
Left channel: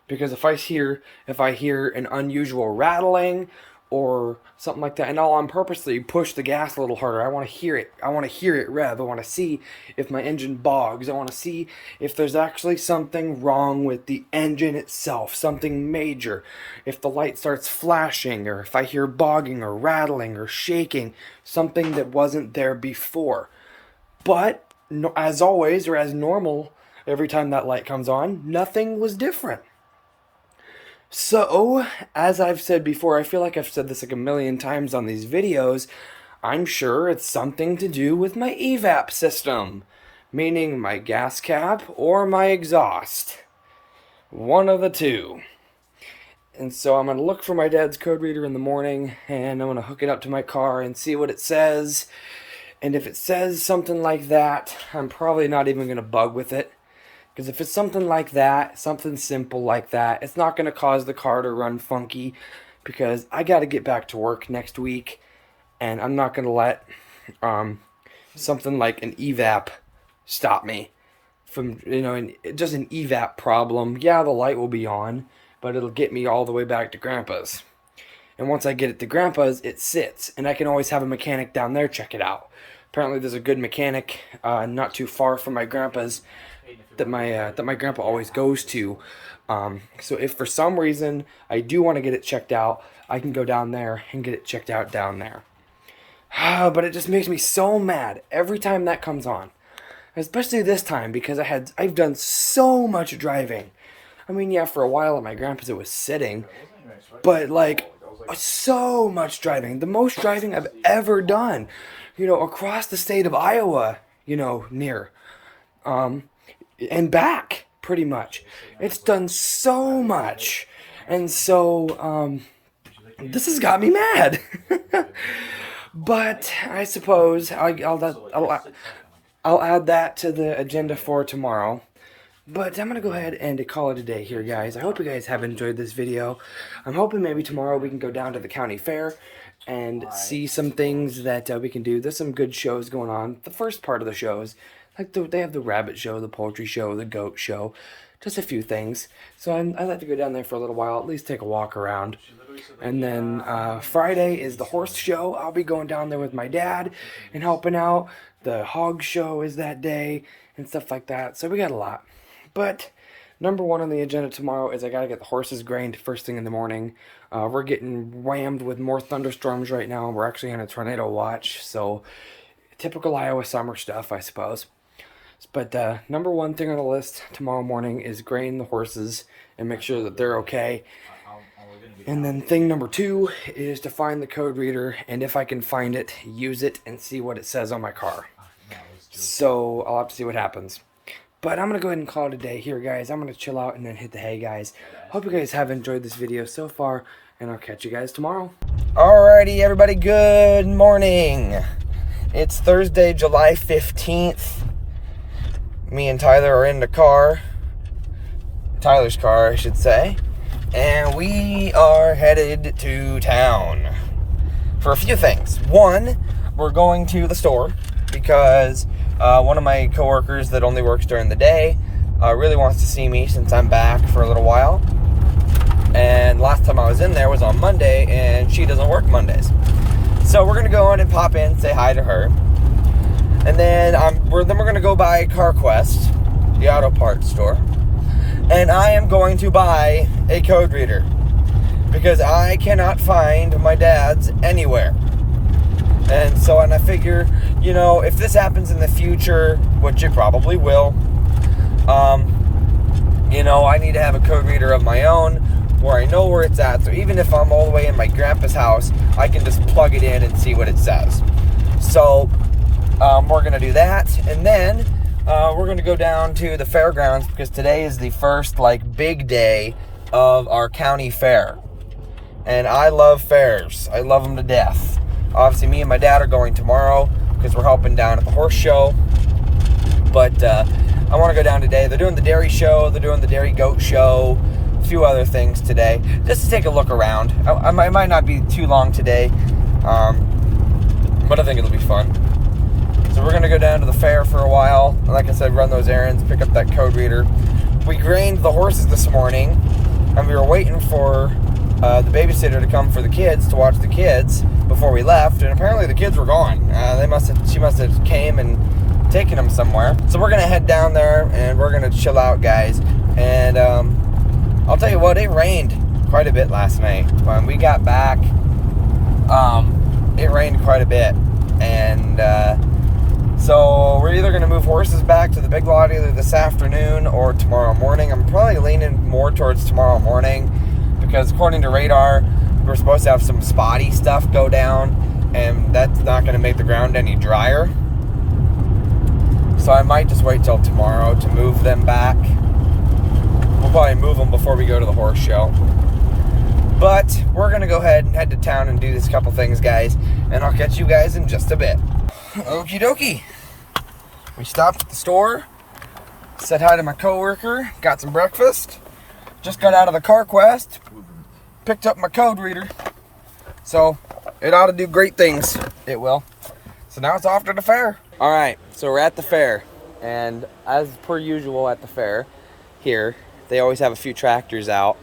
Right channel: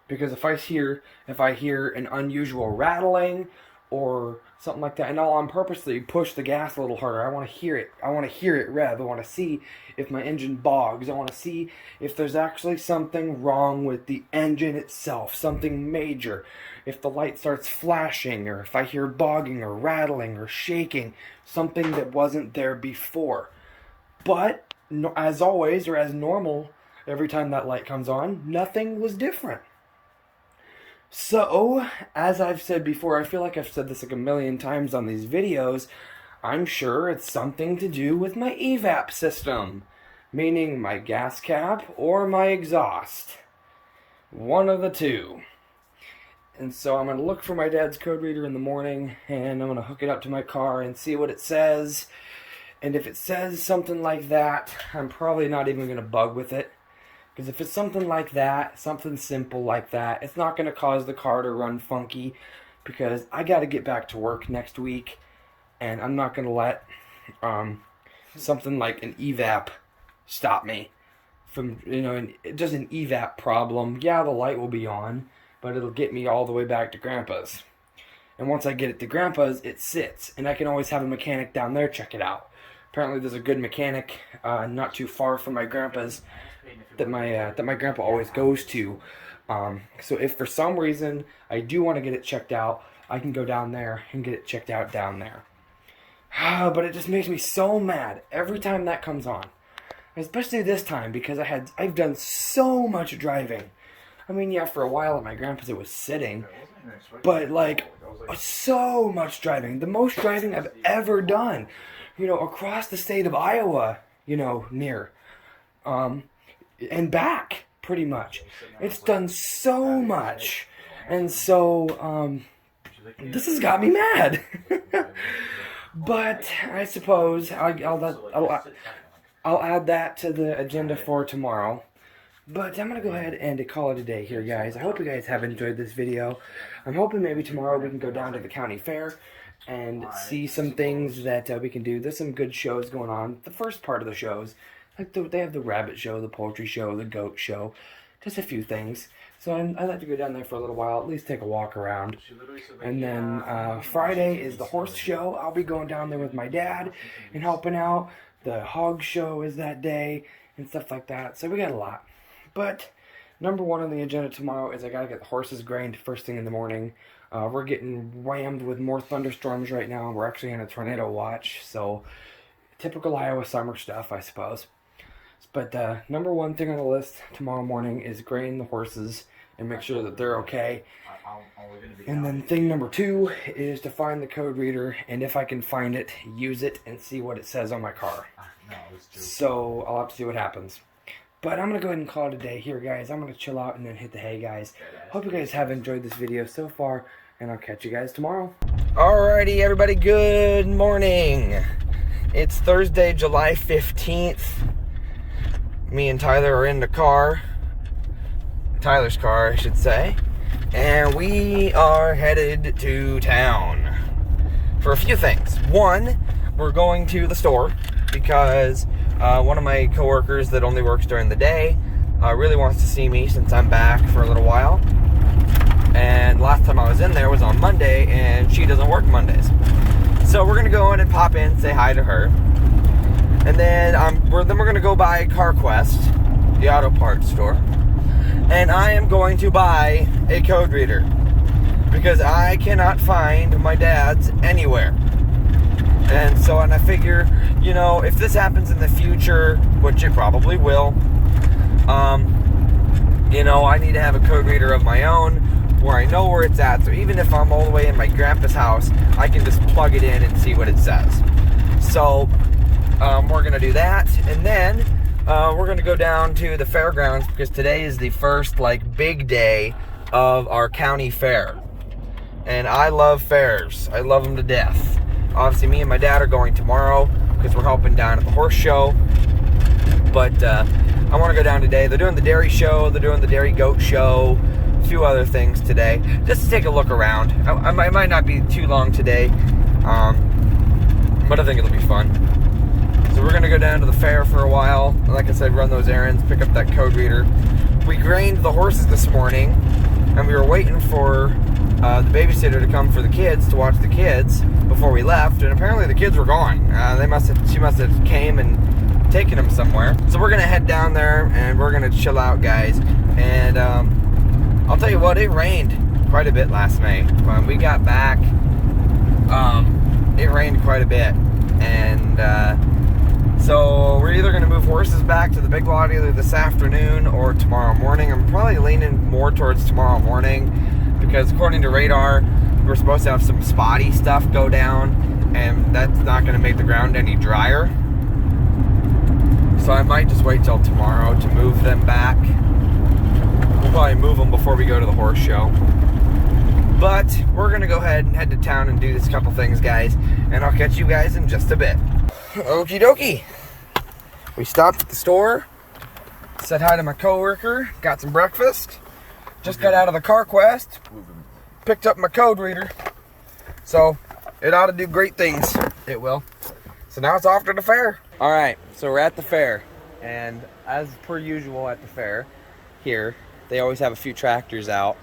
Because if I hear an unusual rattling or something like that, and I'll purposely push the gas a little harder. I want to hear it. I want to hear it rev. I want to see if my engine bogs. I want to see if there's actually something wrong with the engine itself, something major. If the light starts flashing, or if I hear bogging or rattling or shaking, something that wasn't there before. But as always, or as normal, every time that light comes on, nothing was different. So, as I've said before, I feel like I've said this like 1,000,000 times on these videos, I'm sure it's something to do with my evap system, meaning my gas cap or my exhaust. One of the two. And so I'm going to look for my dad's code reader in the morning, and I'm going to hook it up to my car and see what it says. And if it says something like that, I'm probably not even going to bug with it. Because if it's something like that, something simple like that, it's not going to cause the car to run funky. Because I got to get back to work next week. And I'm not going to let something like an evap stop me from, just an evap problem. Yeah, the light will be on, but it'll get me all the way back to Grandpa's. And once I get it to Grandpa's, it sits. And I can always have a mechanic down there check it out. Apparently there's a good mechanic not too far from my grandpa's that my grandpa always goes to. So if for some reason I do want to get it checked out, I can go down there and get it checked out down there. But it just makes me so mad every time that comes on. Especially this time because I've done so much driving. I mean, yeah, for a while at my grandpa's it was sitting, but like so much driving. The most driving I've ever done. Across the state of Iowa, near, and back, pretty much. It's done so much, and so, this has got me mad. But I suppose I'll add that to the agenda for tomorrow. But I'm going to go ahead and call it a day here, guys. I hope you guys have enjoyed this video. I'm hoping maybe tomorrow we can go down to the county fair and see some things that we can do. There's some good shows going on. The first part of the shows, like they have the rabbit show, the poultry show, the goat show, just a few things. So I'd like to go down there for a little while, at least take a walk around. And then Friday is the horse show. I'll be going down there with my dad and helping out. The hog show is that day and stuff like that. So we got a lot. But number one on the agenda tomorrow is I got to get the horses grained first thing in the morning. We're getting whammed with more thunderstorms right now. We're actually on a tornado watch, so typical Iowa summer stuff, I suppose. But number one thing on the list tomorrow morning is grain the horses and make sure that they're okay. And then thing number 2 is to find the code reader, and if I can find it, use it and see what it says on my car. So I'll have to see what happens. But I'm going to go ahead and call it a day here, guys. I'm going to chill out and then hit the hay, guys. Hope you guys have enjoyed this video so far, and I'll catch you guys tomorrow. Alrighty, everybody, good morning. It's Thursday, July 15th. Me and Tyler are in the car. Tyler's car, I should say. And we are headed to town for a few things. One, we're going to the store because one of my coworkers that only works during the day really wants to see me since I'm back for a little while. And last time I was in there was on Monday, and she doesn't work Mondays. So we're going to go in and pop in, say hi to her. And then we're going to go by CarQuest, the auto parts store. And I am going to buy a code reader because I cannot find my dad's anywhere. And I figure, you know, if this happens in the future, which it probably will, you know, I need to have a code reader of my own where I know where it's at. So even if I'm all the way in my grandpa's house, I can just plug it in and see what it says. So we're going to do that. And then we're going to go down to the fairgrounds because today is the first, like, big day of our county fair. And I love fairs. I love them to death. Obviously, me and my dad are going tomorrow because we're helping down at the horse show. But I want to go down today. They're doing the dairy show. They're doing the dairy goat show. A few other things today. Just to take a look around. I might not be too long today. But I think it'll be fun. So we're going to go down to the fair for a while. Like I said, run those errands, pick up that code reader. We grained the horses this morning. And we were waiting for the babysitter to come for the kids, to watch the kids before we left, and apparently the kids were gone. She must have came and taken them somewhere. So we're gonna head down there and we're gonna chill out, guys. And I'll tell you what, it rained quite a bit last night. When we got back, it rained quite a bit, and so we're either gonna move horses back to the big lot either this afternoon or tomorrow morning. I'm probably leaning more towards tomorrow morning, because according to radar, we're supposed to have some spotty stuff go down, and that's not going to make the ground any drier. So I might just wait till tomorrow to move them back. We'll probably move them before we go to the horse show. But we're going to go ahead and head to town and do this couple things, guys, and I'll catch you guys in just a bit. Okie dokie. We stopped at the store, said hi to my coworker, got some breakfast. Just got out of the CarQuest, picked up my code reader, so it ought to do great things. It will. So now it's off to the fair. All right, so we're at the fair, and as per usual at the fair here, they always have a few tractors out.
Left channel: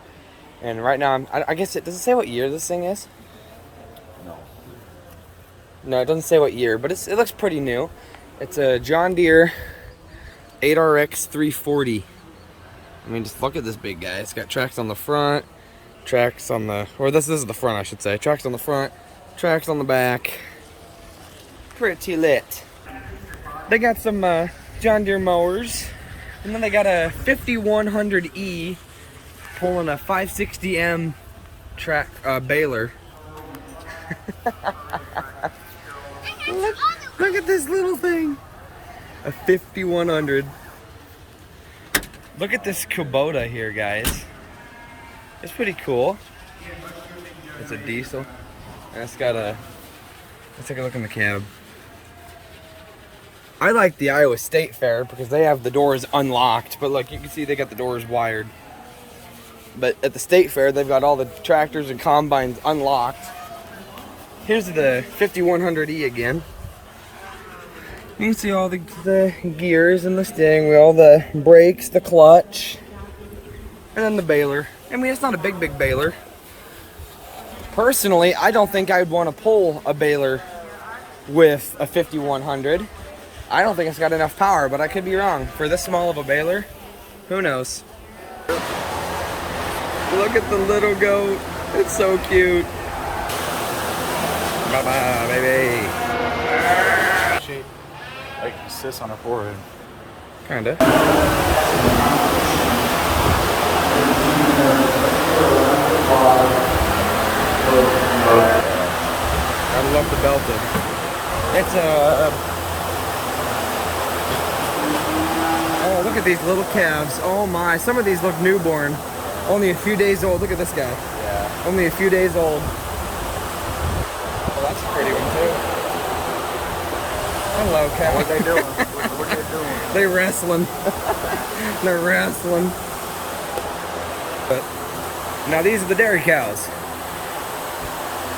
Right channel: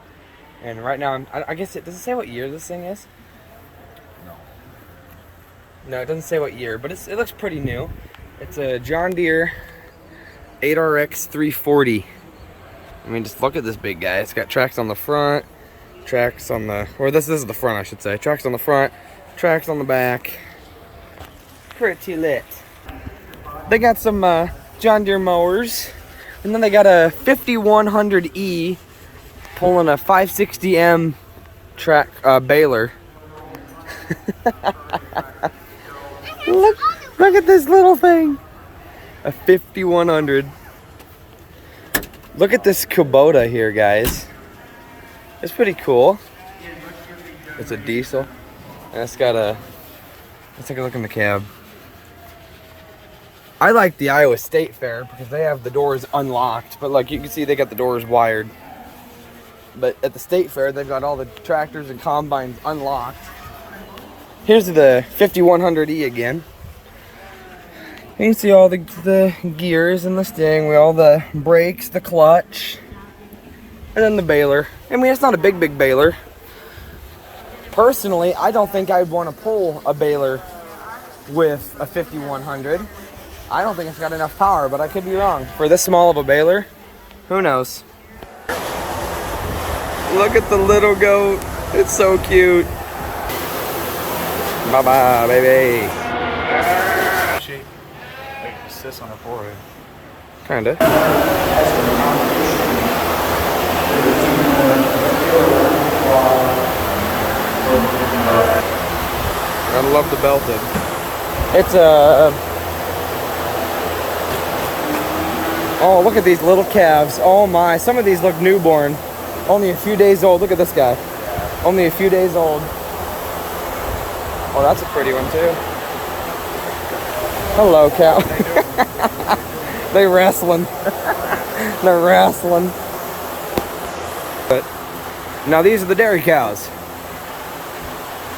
And right now, I guess does it say what year this thing is? No, it doesn't say what year, but it looks pretty new. It's a John Deere 8RX 340. I mean, just look at this big guy. It's got tracks on the front, tracks on the, or this is the front, I should say. Tracks on the front, tracks on the back. Pretty lit. They got some John Deere mowers, and then they got a 5100E pulling a 560M track baler. Look at this little thing. A 5100. Look at this Kubota here, guys. It's pretty cool. It's a diesel. And it's got a... Let's take a look in the cab. I like the Iowa State Fair because they have the doors unlocked. But like you can see, they got the doors wired. But at the State Fair, they've got all the tractors and combines unlocked. Here's the 5100E again. You can see all the gears and the steering wheel, the brakes, the clutch, and then the baler. I mean, it's not a big baler. Personally, I don't think I'd want to pull a baler with a 5100. I don't think it's got enough power, but I could be wrong. For this small of a baler, who knows? Look at the little goat. It's so cute. Bye-bye, baby. Like sits on her forehead. Kinda. Gotta love the belted. It's a... Oh, look at these little calves. Oh my, some of these look newborn. Only a few days old. Look at this guy. Yeah. Only a few days old. Oh, that's a pretty one too. Hello, cow. What are they doing? What are they doing? They wrestling. They're wrestling. But now these are the dairy cows.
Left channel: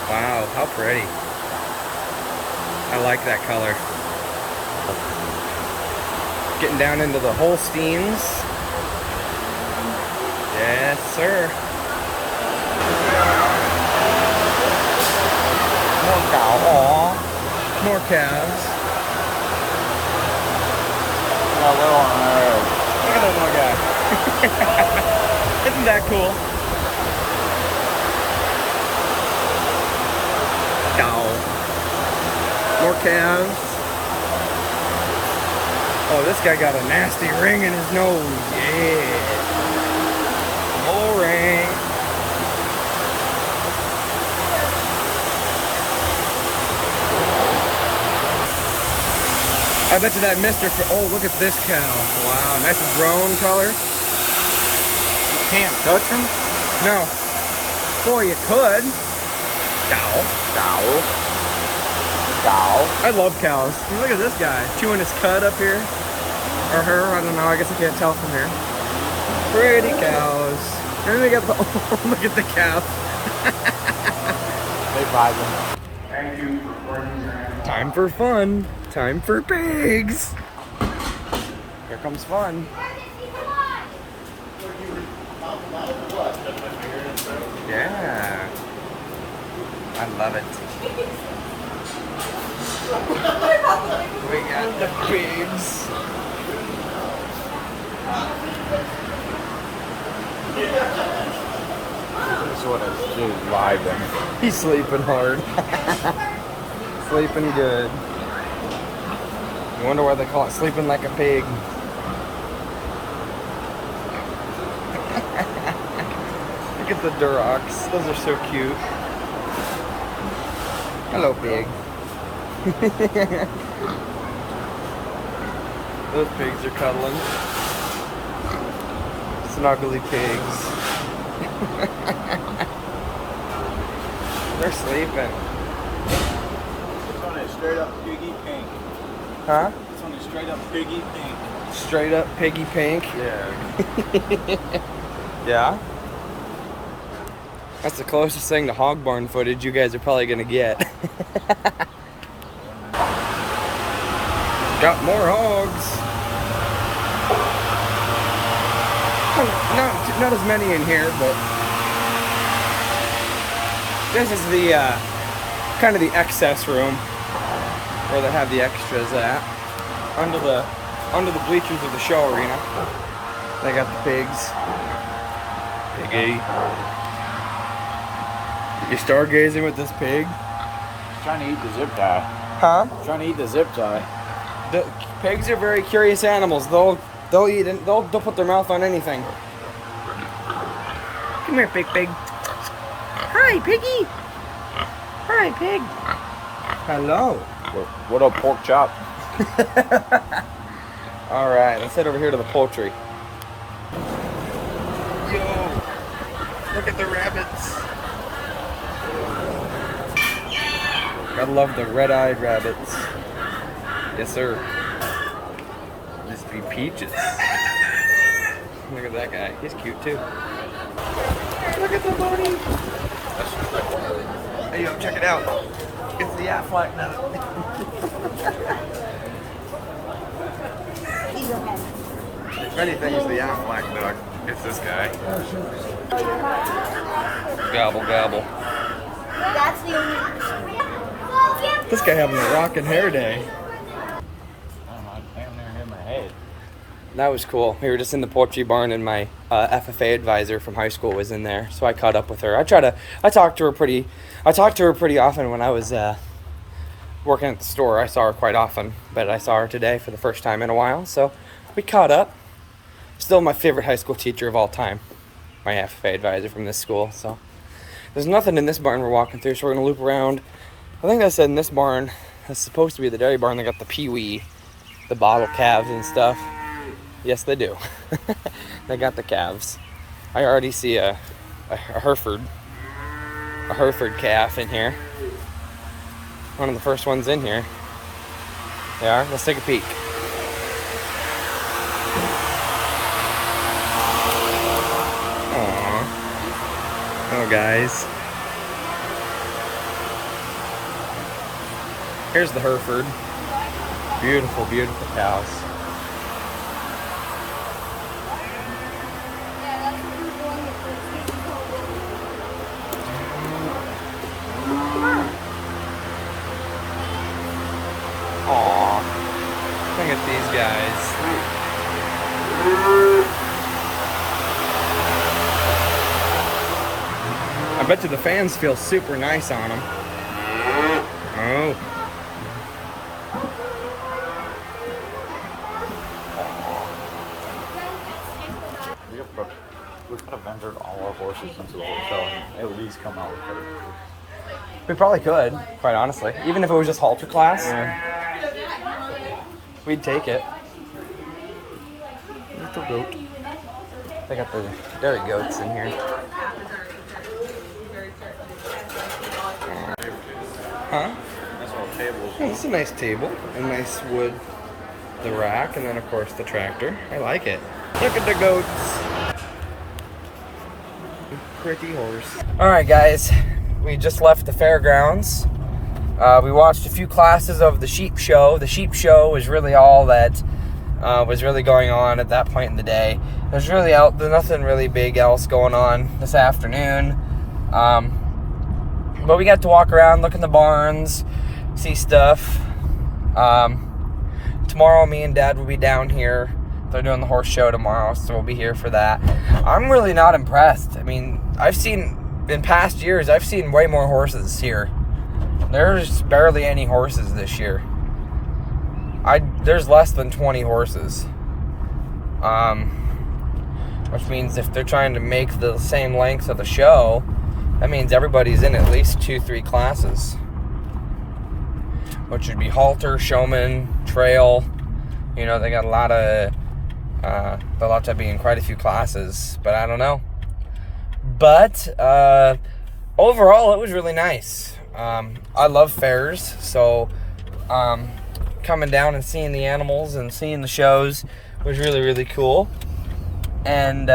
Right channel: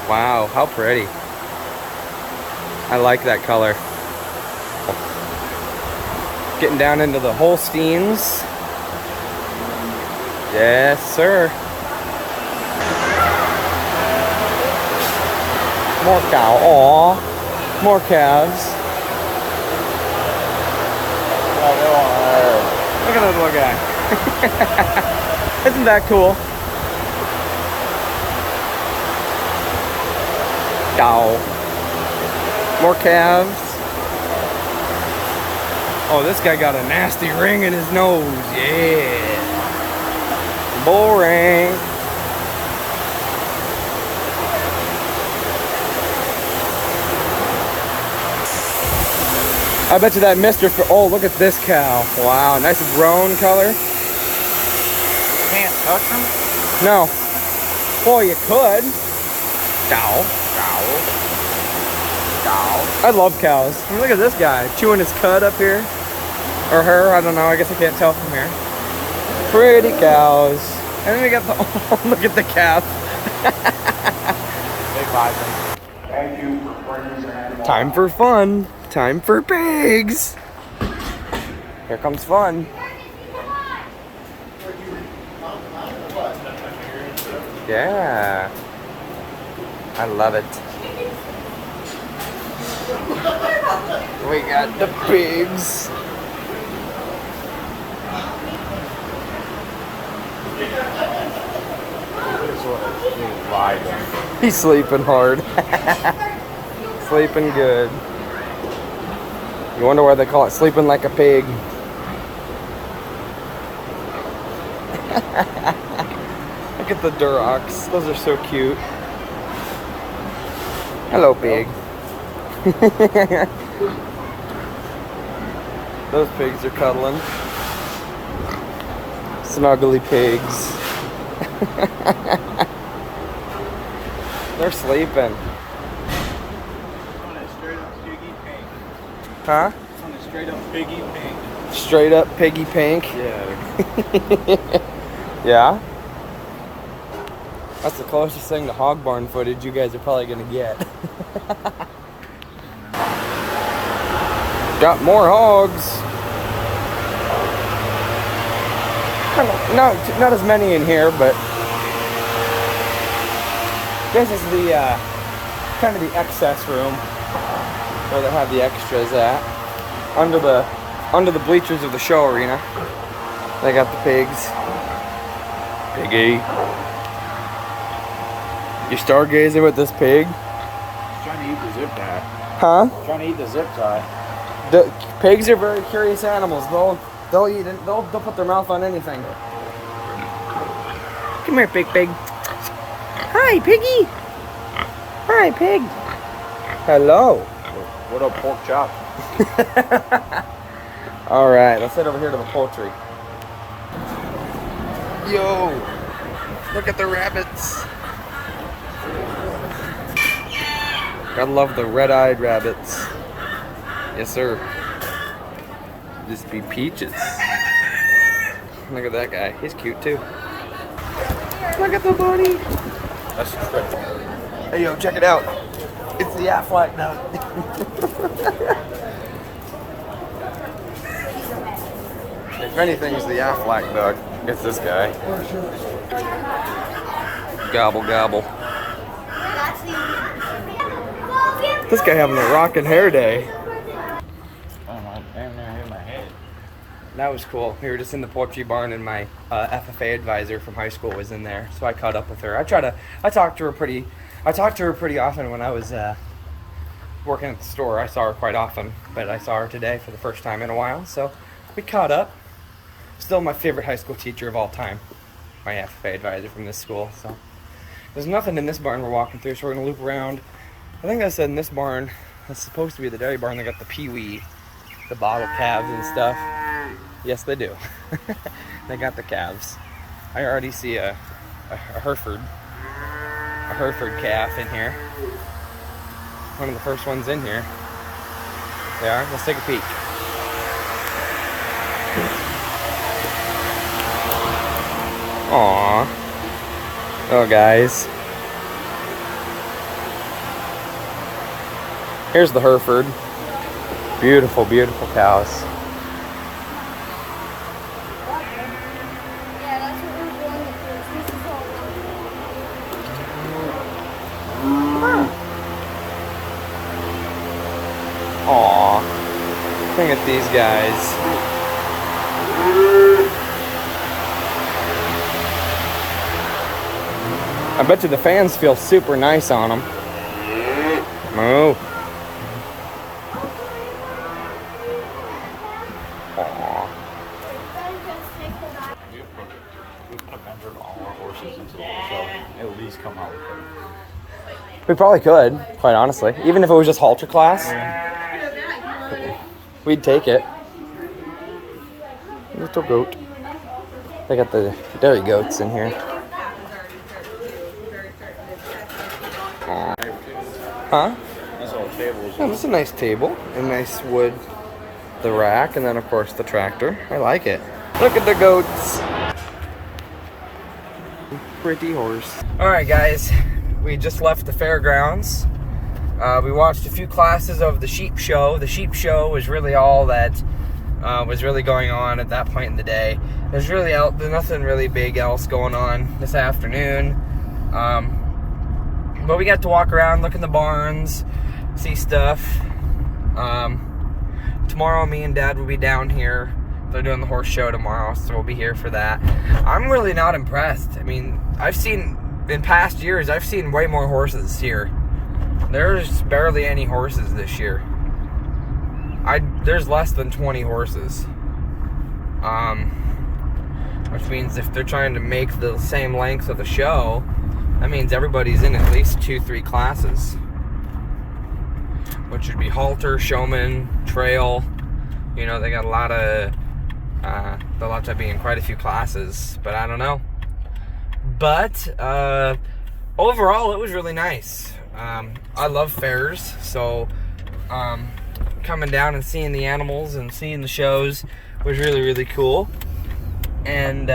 Wow, how pretty. I like that color. Getting down into the Holsteins. Yes, sir. More cows. Aww. More calves. Look at that little guy. Isn't that cool? Ow. More calves. Oh, this guy got a nasty ring in his nose. Yeah. Boring. I bet you that oh, look at this cow. Wow, nice roan color. Can't touch them? No. Boy, you could. Cow. I love cows. Look at this guy chewing his cud up here. Or her, I don't know. I guess I can't tell from here. Pretty cows. And then we got the, oh, look at the calf. Thank you for bringing your animal. Time for fun. Time for pigs. Here comes fun. Yeah. I love it. We got the pigs. This one is just vibing. He's sleeping hard. Sleeping good. You wonder why they call it sleeping like a pig. Look at the Durocs. Those are so cute. Hello, pig. Those pigs are cuddling. Snuggly pigs. They're sleeping. It's on a straight up piggy pink. Huh? It's on a straight up piggy pink. Straight up piggy pink. Yeah. Yeah? That's the closest thing to hog barn footage you guys are probably gonna get. Got more hogs. Not as many in here, but this is the kind of the excess room where they have the extras at. Under the bleachers of the show arena. They got the pigs. Piggy. You stargazing with this pig? Trying to eat the zip tie. Huh? Trying to eat the zip tie. The pigs are very curious animals. They'll eat and they'll put their mouth on anything. Come here, pig. Hi, piggy. Hi, pig. Hello. What up, pork chop? All right, let's head over here to the poultry. Yo, look at the rabbits. Gotta love the red-eyed rabbits. Yes, sir. Just be peaches. Look at that guy. He's cute too. Look at the bunny. That's good. Hey, yo, check it out. It's the Aflac nut. If anything, it's the Aflac dog. It's this guy. Gobble, gobble. This guy having a rockin' hair day. I don't know. I haven't even hit my head. That was cool. We were just in the poultry barn, and my FFA advisor from high school was in there, so I caught up with her. I talked to her pretty often when I was working at the store. I saw her quite often, but I saw her today for the first time in a while, so we caught up. Still my favorite high school teacher of all time, my FFA advisor from this school. So there's nothing in this barn we're walking through, so we're gonna loop around. I think I said in this barn, it's supposed to be the dairy barn, they got the peewee, the bottle calves and stuff. Yes, they do. They got the calves. I already see a Hereford calf in here. One of the first ones in here. They are. Let's take a peek. Aww. Oh, guys. Here's the Hereford. Beautiful, beautiful cows. Aww. Look at these guys. I bet you the fans feel super nice on them. Moo. horses into the whole show and at least come out with better. We probably could, quite honestly. Even if it was just halter class, we'd take it. Little goat. They got the dairy goats in here. Huh? That's all table is. Oh, this is a nice table. A nice wood. The rack, and then of course the tractor. I like it. Look at the goats. Pretty horse. Alright guys, we just left the fairgrounds. We watched a few classes of the sheep show. The sheep show was really all that was really going on at that point in the day. There's nothing really big else going on this afternoon. But we got to walk around, look in the barns, see stuff. Tomorrow me and Dad will be down here. They're doing the horse show tomorrow, so we'll be here for that. I'm really not impressed. I mean, in past years, I've seen way more horses here. There's barely any horses this year. There's less than 20 horses. Which means if they're trying to make the same length of the show, that means everybody's in at least 2-3 classes. Which would be halter, showman, trail. You know, they got a lot of, they'll have to be in quite a few classes, but I don't know. But, overall, it was really nice. I love fairs, so, coming down and seeing the animals and seeing the shows was really, really cool. And,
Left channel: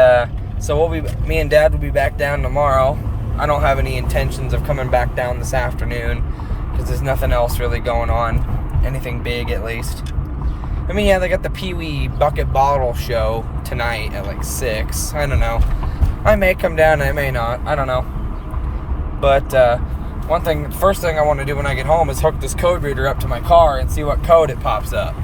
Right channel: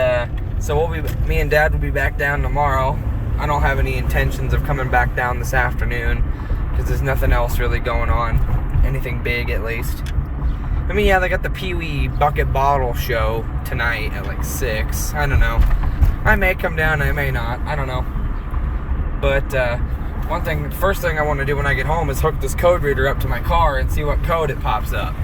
so me and Dad will be back down tomorrow. I don't have any intentions of coming back down this afternoon, because there's nothing else really going on. Anything big, at least. I mean, yeah, they got the Pee-wee Bucket Bottle show tonight at like 6. I don't know. I may come down, I may not. I don't know. But, first thing I want to do when I get home is hook this code reader up to my car and see what code it pops up.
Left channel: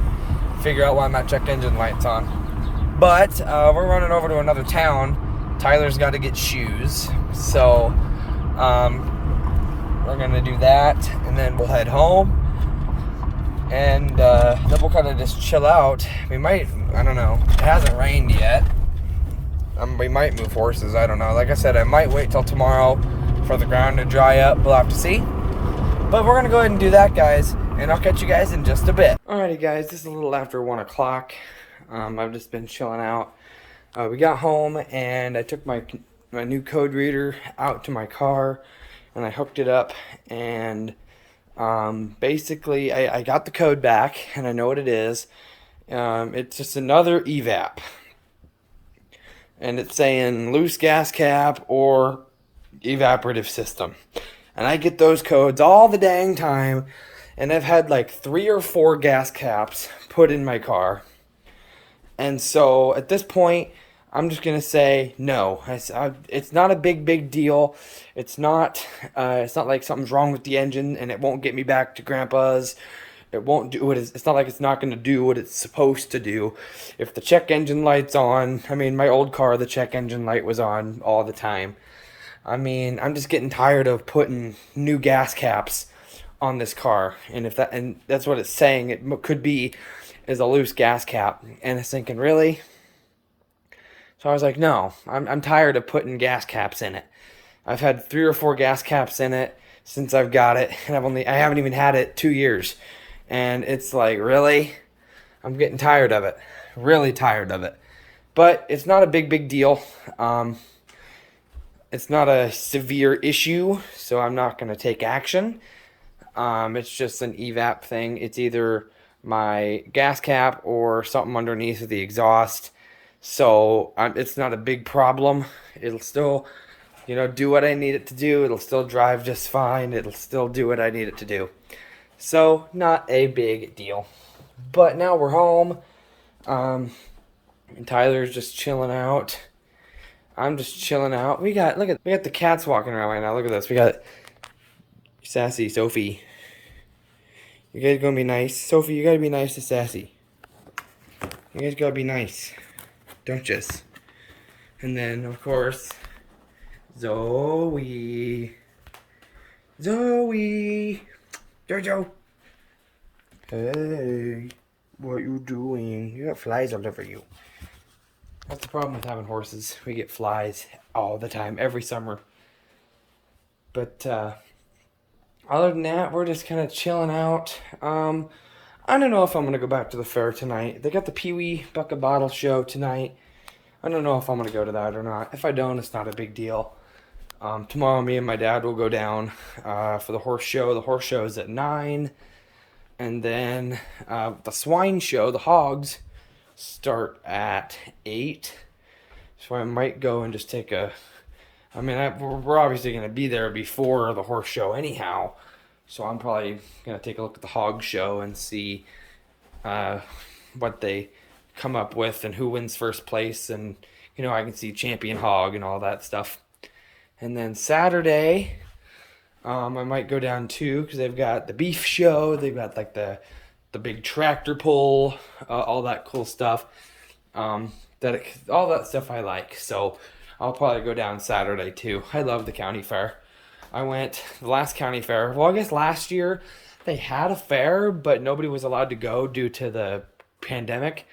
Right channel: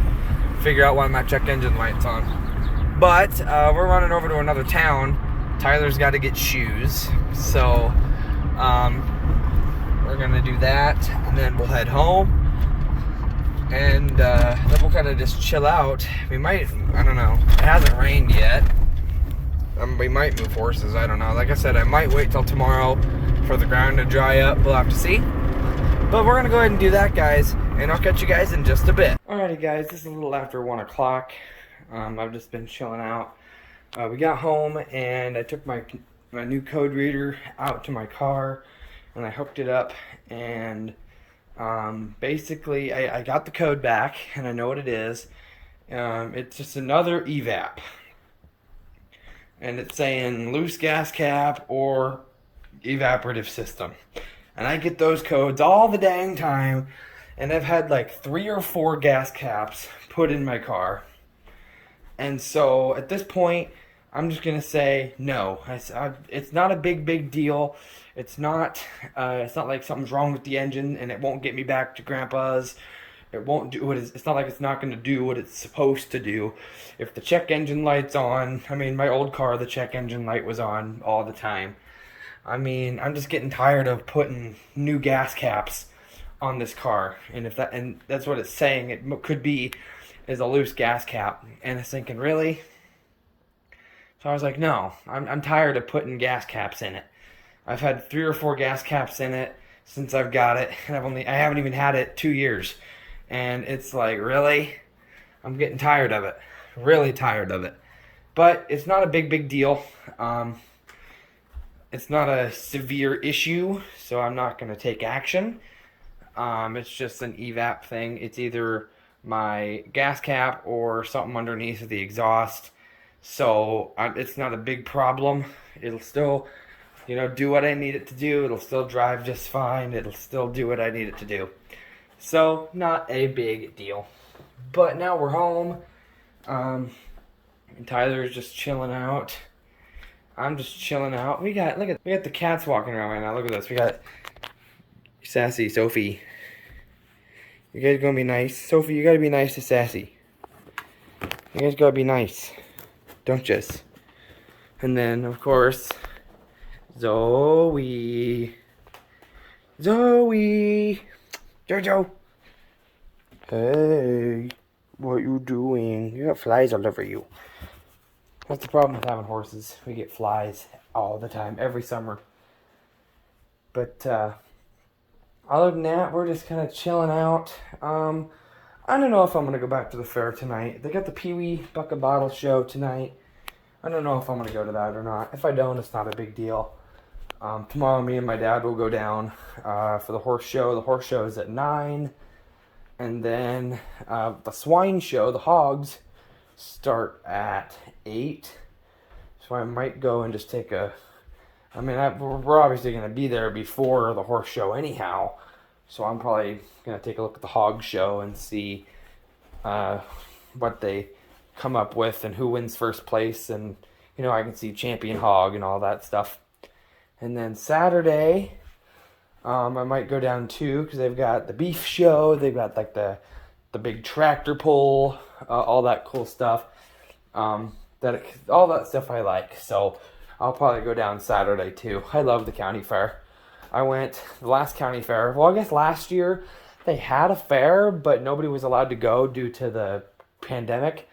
Figure out why my check engine light's on. But, we're running over to another town. Tyler's got to get shoes. So, we're going to do that, and then we'll head home. And then we'll kind of just chill out. We might, I don't know. It hasn't rained yet. We might move horses, I don't know. Like I said, I might wait till tomorrow for the ground to dry up. We'll have to see. But we're going to go ahead and do that, guys. And I'll catch you guys in just a bit. Alrighty, guys. This is a little after 1 o'clock. I've just been chilling out. We got home, and I took my new code reader out to my car. And I hooked it up, and basically I got the code back, and I know what it is. It's just another evap, and it's saying loose gas cap or evaporative system, and I get those codes all the dang time, and I've had like 3 or 4 gas caps put in my car, and so at this point I'm just gonna say no. It's not a big deal. It's not like something's wrong with the engine and it won't get me back to Grandpa's. It won't do what it's not like it's not gonna do what it's supposed to do. If the check engine light's on, I mean, my old car, the check engine light was on all the time. I mean, I'm just getting tired of putting new gas caps on this car, and that's what it's saying. It could be is a loose gas cap, and it's thinking, really? So I was like, no, I'm tired of putting gas caps in it. I've had 3 or 4 gas caps in it since I've got it, and I haven't even had it 2 years. And it's like, really? I'm getting tired of it. Really tired of it. But it's not a big deal. It's not a severe issue, so I'm not going to take action. It's just an evap thing. It's either my gas cap or something underneath the exhaust. So it's not a big problem. It'll still, do what I need it to do. It'll still drive just fine. It'll still do what I need it to do. So not a big deal. But now we're home. And Tyler's just chilling out. I'm just chilling out. We got the cats walking around right now. Look at this. We got Sassy Sophie. You guys gonna be nice? Sophie, you gotta be nice to Sassy. You guys gotta be nice. Don't just. And then, of course, Zoe. Jojo. Hey, what you doing? You got flies all over you. That's the problem with having horses. We get flies all the time, every summer. But other than that, we're just kind of chilling out. I don't know if I'm going to go back to the fair tonight. They got the Pee Wee Bucket Bottle show tonight. I don't know if I'm going to go to that or not. If I don't, it's not a big deal. Tomorrow, me and my dad will go down for the horse show. The horse show is at 9. And then the swine show, the hogs, start at 8. So I might go and just take a... we're obviously going to be there before the horse show anyhow. So I'm probably going to take a look at the hog show and see what they come up with and who wins first place. And, I can see champion hog and all that stuff. And then Saturday, I might go down too because they've got the beef show. They've got like the big tractor pull, all that cool stuff. All that stuff I like. So I'll probably go down Saturday too. I love the county fair. I went the last county fair. Well, I guess last year they had a fair, but nobody was allowed to go due to the pandemic.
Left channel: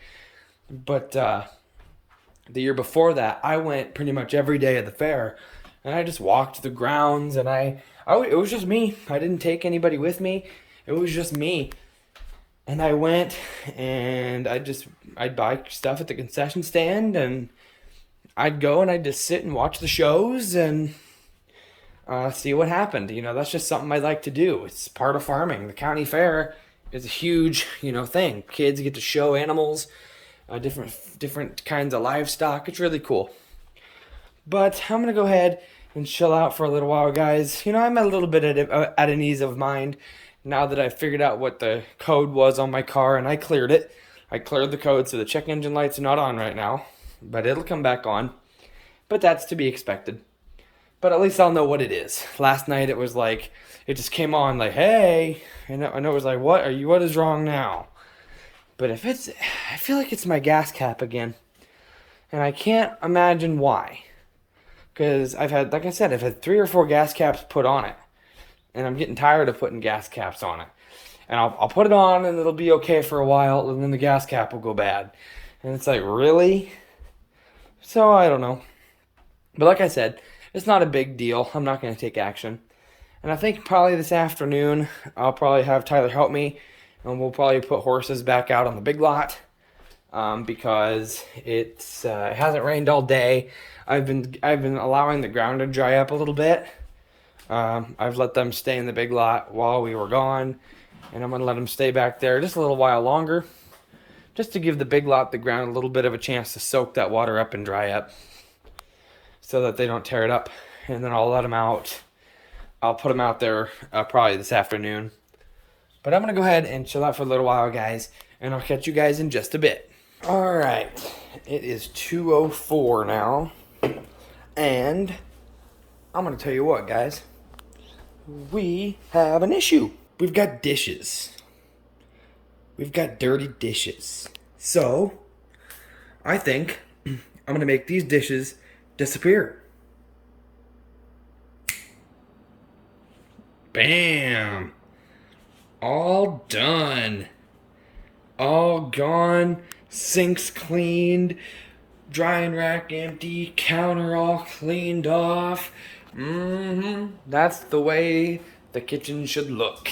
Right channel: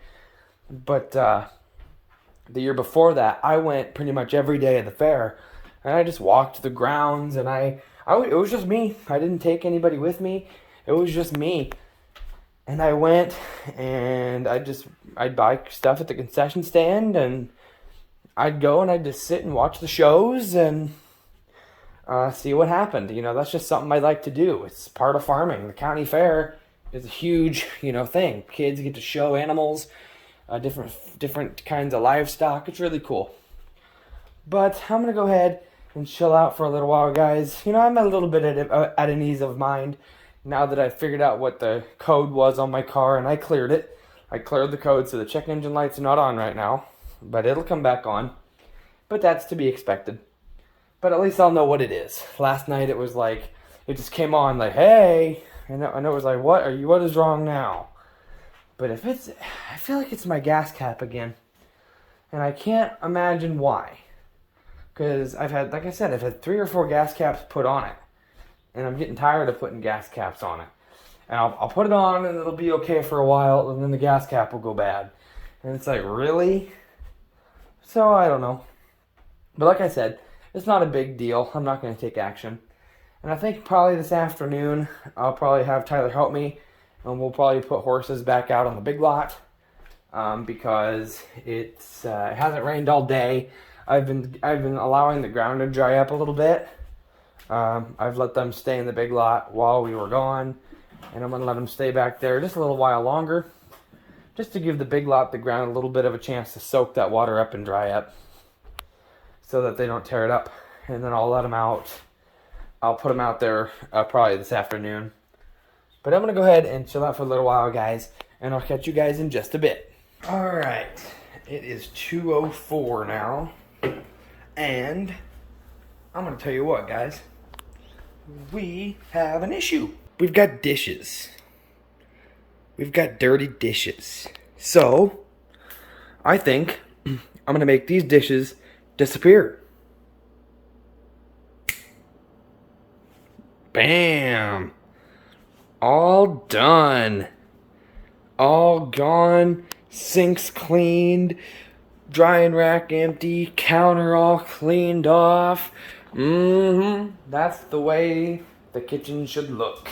But the year before that, I went pretty much every day of the fair, and I just walked the grounds, and it was just me. I didn't take anybody with me. It was just me. And I went, and I'd buy stuff at the concession stand, and I'd go and I'd just sit and watch the shows and see what happened. That's just something I like to do. It's part of farming. The county fair is a huge, thing. Kids get to show animals, different kinds of livestock. It's really cool. But I'm going to go ahead and chill out for a little while, guys. I'm a little bit at an ease of mind now that I figured out what the code was on my car, and I cleared it. I cleared the code, so the check engine lights are not on right now, but it'll come back on. But that's to be expected. But at least I'll know what it is. Last night it was like, it just came on like, hey, and it was like, what is wrong now? But I feel like it's my gas cap again. And I can't imagine why. Because I've had 3 or 4 gas caps put on it. And I'm getting tired of putting gas caps on it. And I'll put it on and it'll be okay for a while, and then the gas cap will go bad. And it's like, really? So I don't know. But like I said, it's not a big deal. I'm not going to take action. And I think probably this afternoon, I'll probably have Tyler help me. And we'll probably put horses back out on the big lot. Because it hasn't rained all day. I've been allowing the ground to dry up a little bit. I've let them stay in the big lot while we were gone. And I'm going to let them stay back there just a little while longer. Just to give the big lot, the ground, a little bit of a chance to soak that water up and dry up. So that they don't tear it up. And then I'll let them out. I'll put them out there probably this afternoon. But I'm going to go ahead and chill out for a little while, guys. And I'll catch you guys in just a bit. Alright. It is 2:04 now. And I'm going to tell you what, guys. We have an issue. We've got dishes. We've got dirty dishes. So, I think I'm going to make these dishes disappear. Bam! All done. All gone. Sinks cleaned. Drying rack empty. Counter all cleaned off. That's the way the kitchen should look.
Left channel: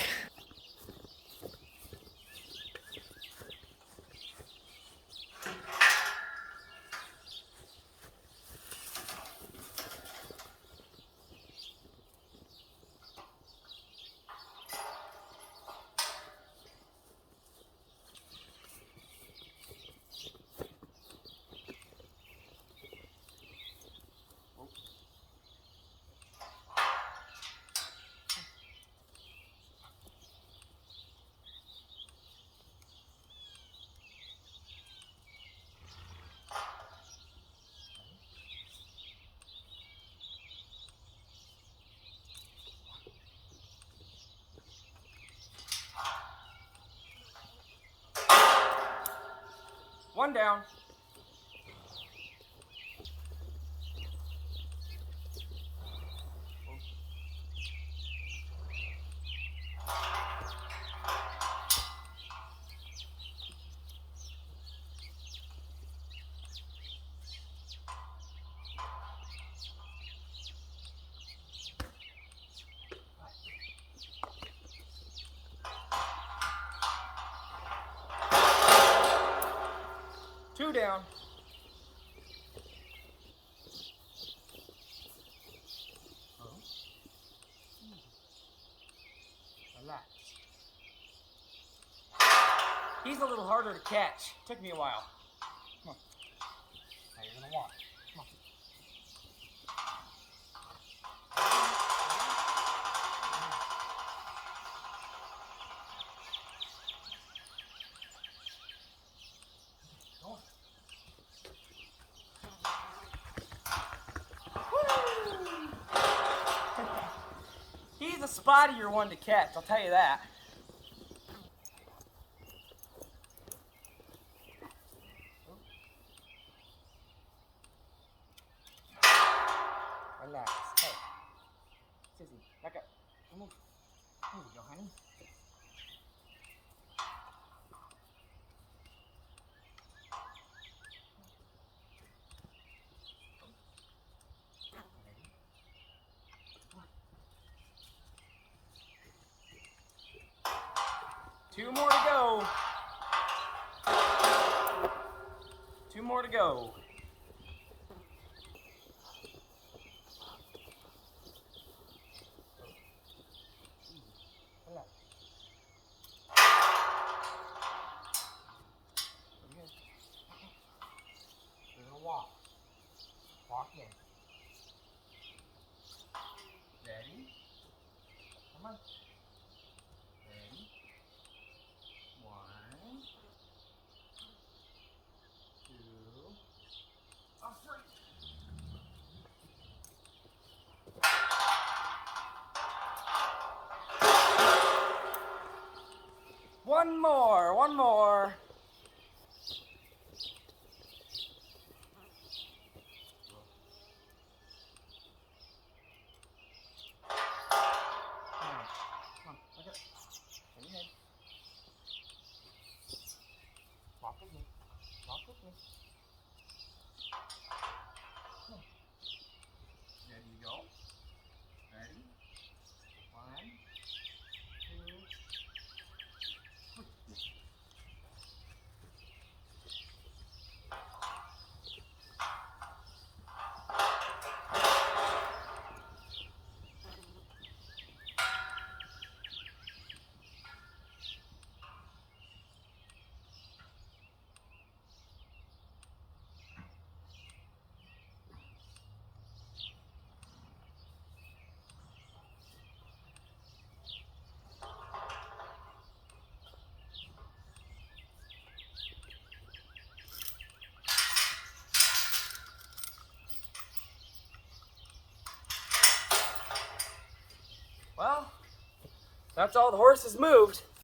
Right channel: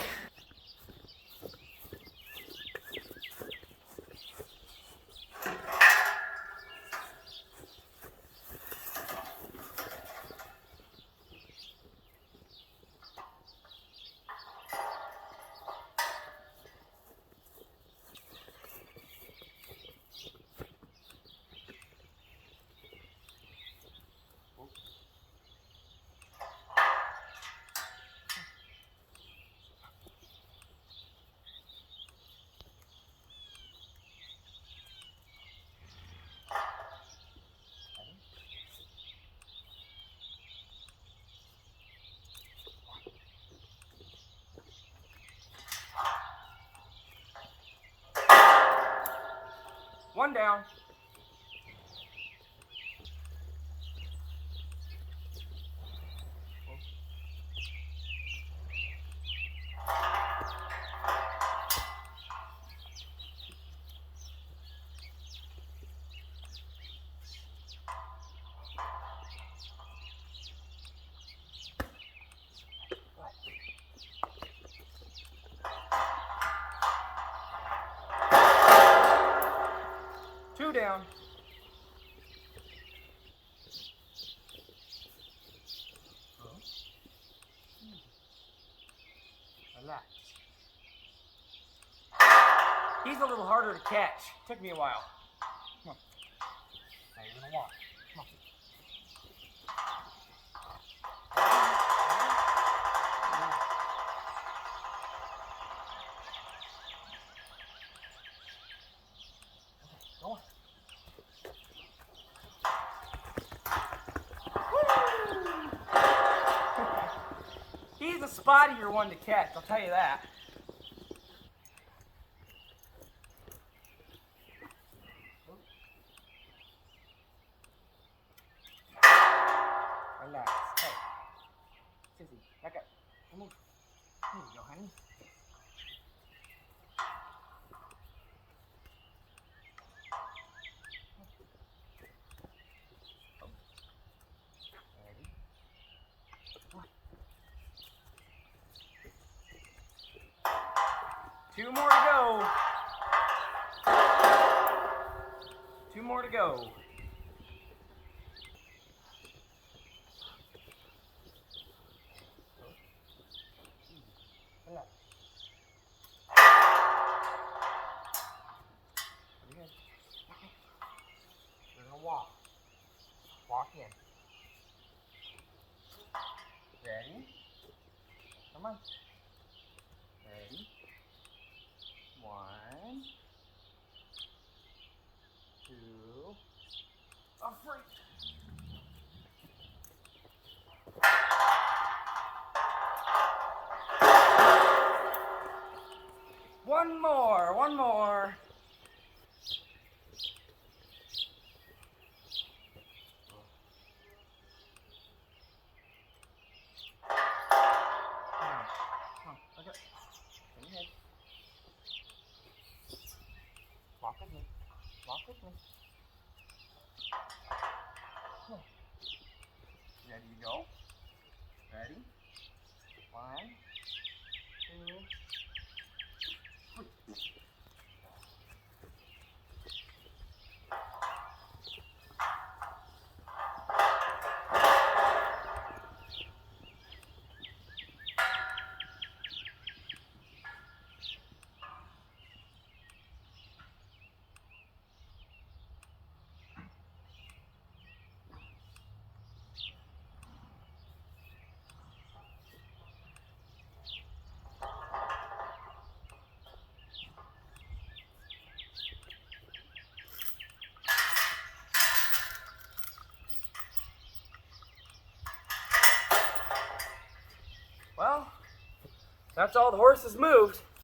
One down. down. Relax. He's a little harder to catch. Took me a while. Come on. Now you're gonna walk. Come on. Go on. He's a spottier one to catch, I'll tell you that. Relax. Hey. Sissy, back up. Come on. There you go, honey. Two more to go. Two more to go. Relax. Pretty good. You're gonna walk. Walk in. Ready? Come on. Ready? 1, 2, up front. One more, one more. Now, come on, look up. Turn your head. Walk with me. Walk with me. Come on. Ready to go? Ready? 1, 2, 3. Well, that's all the horses moved.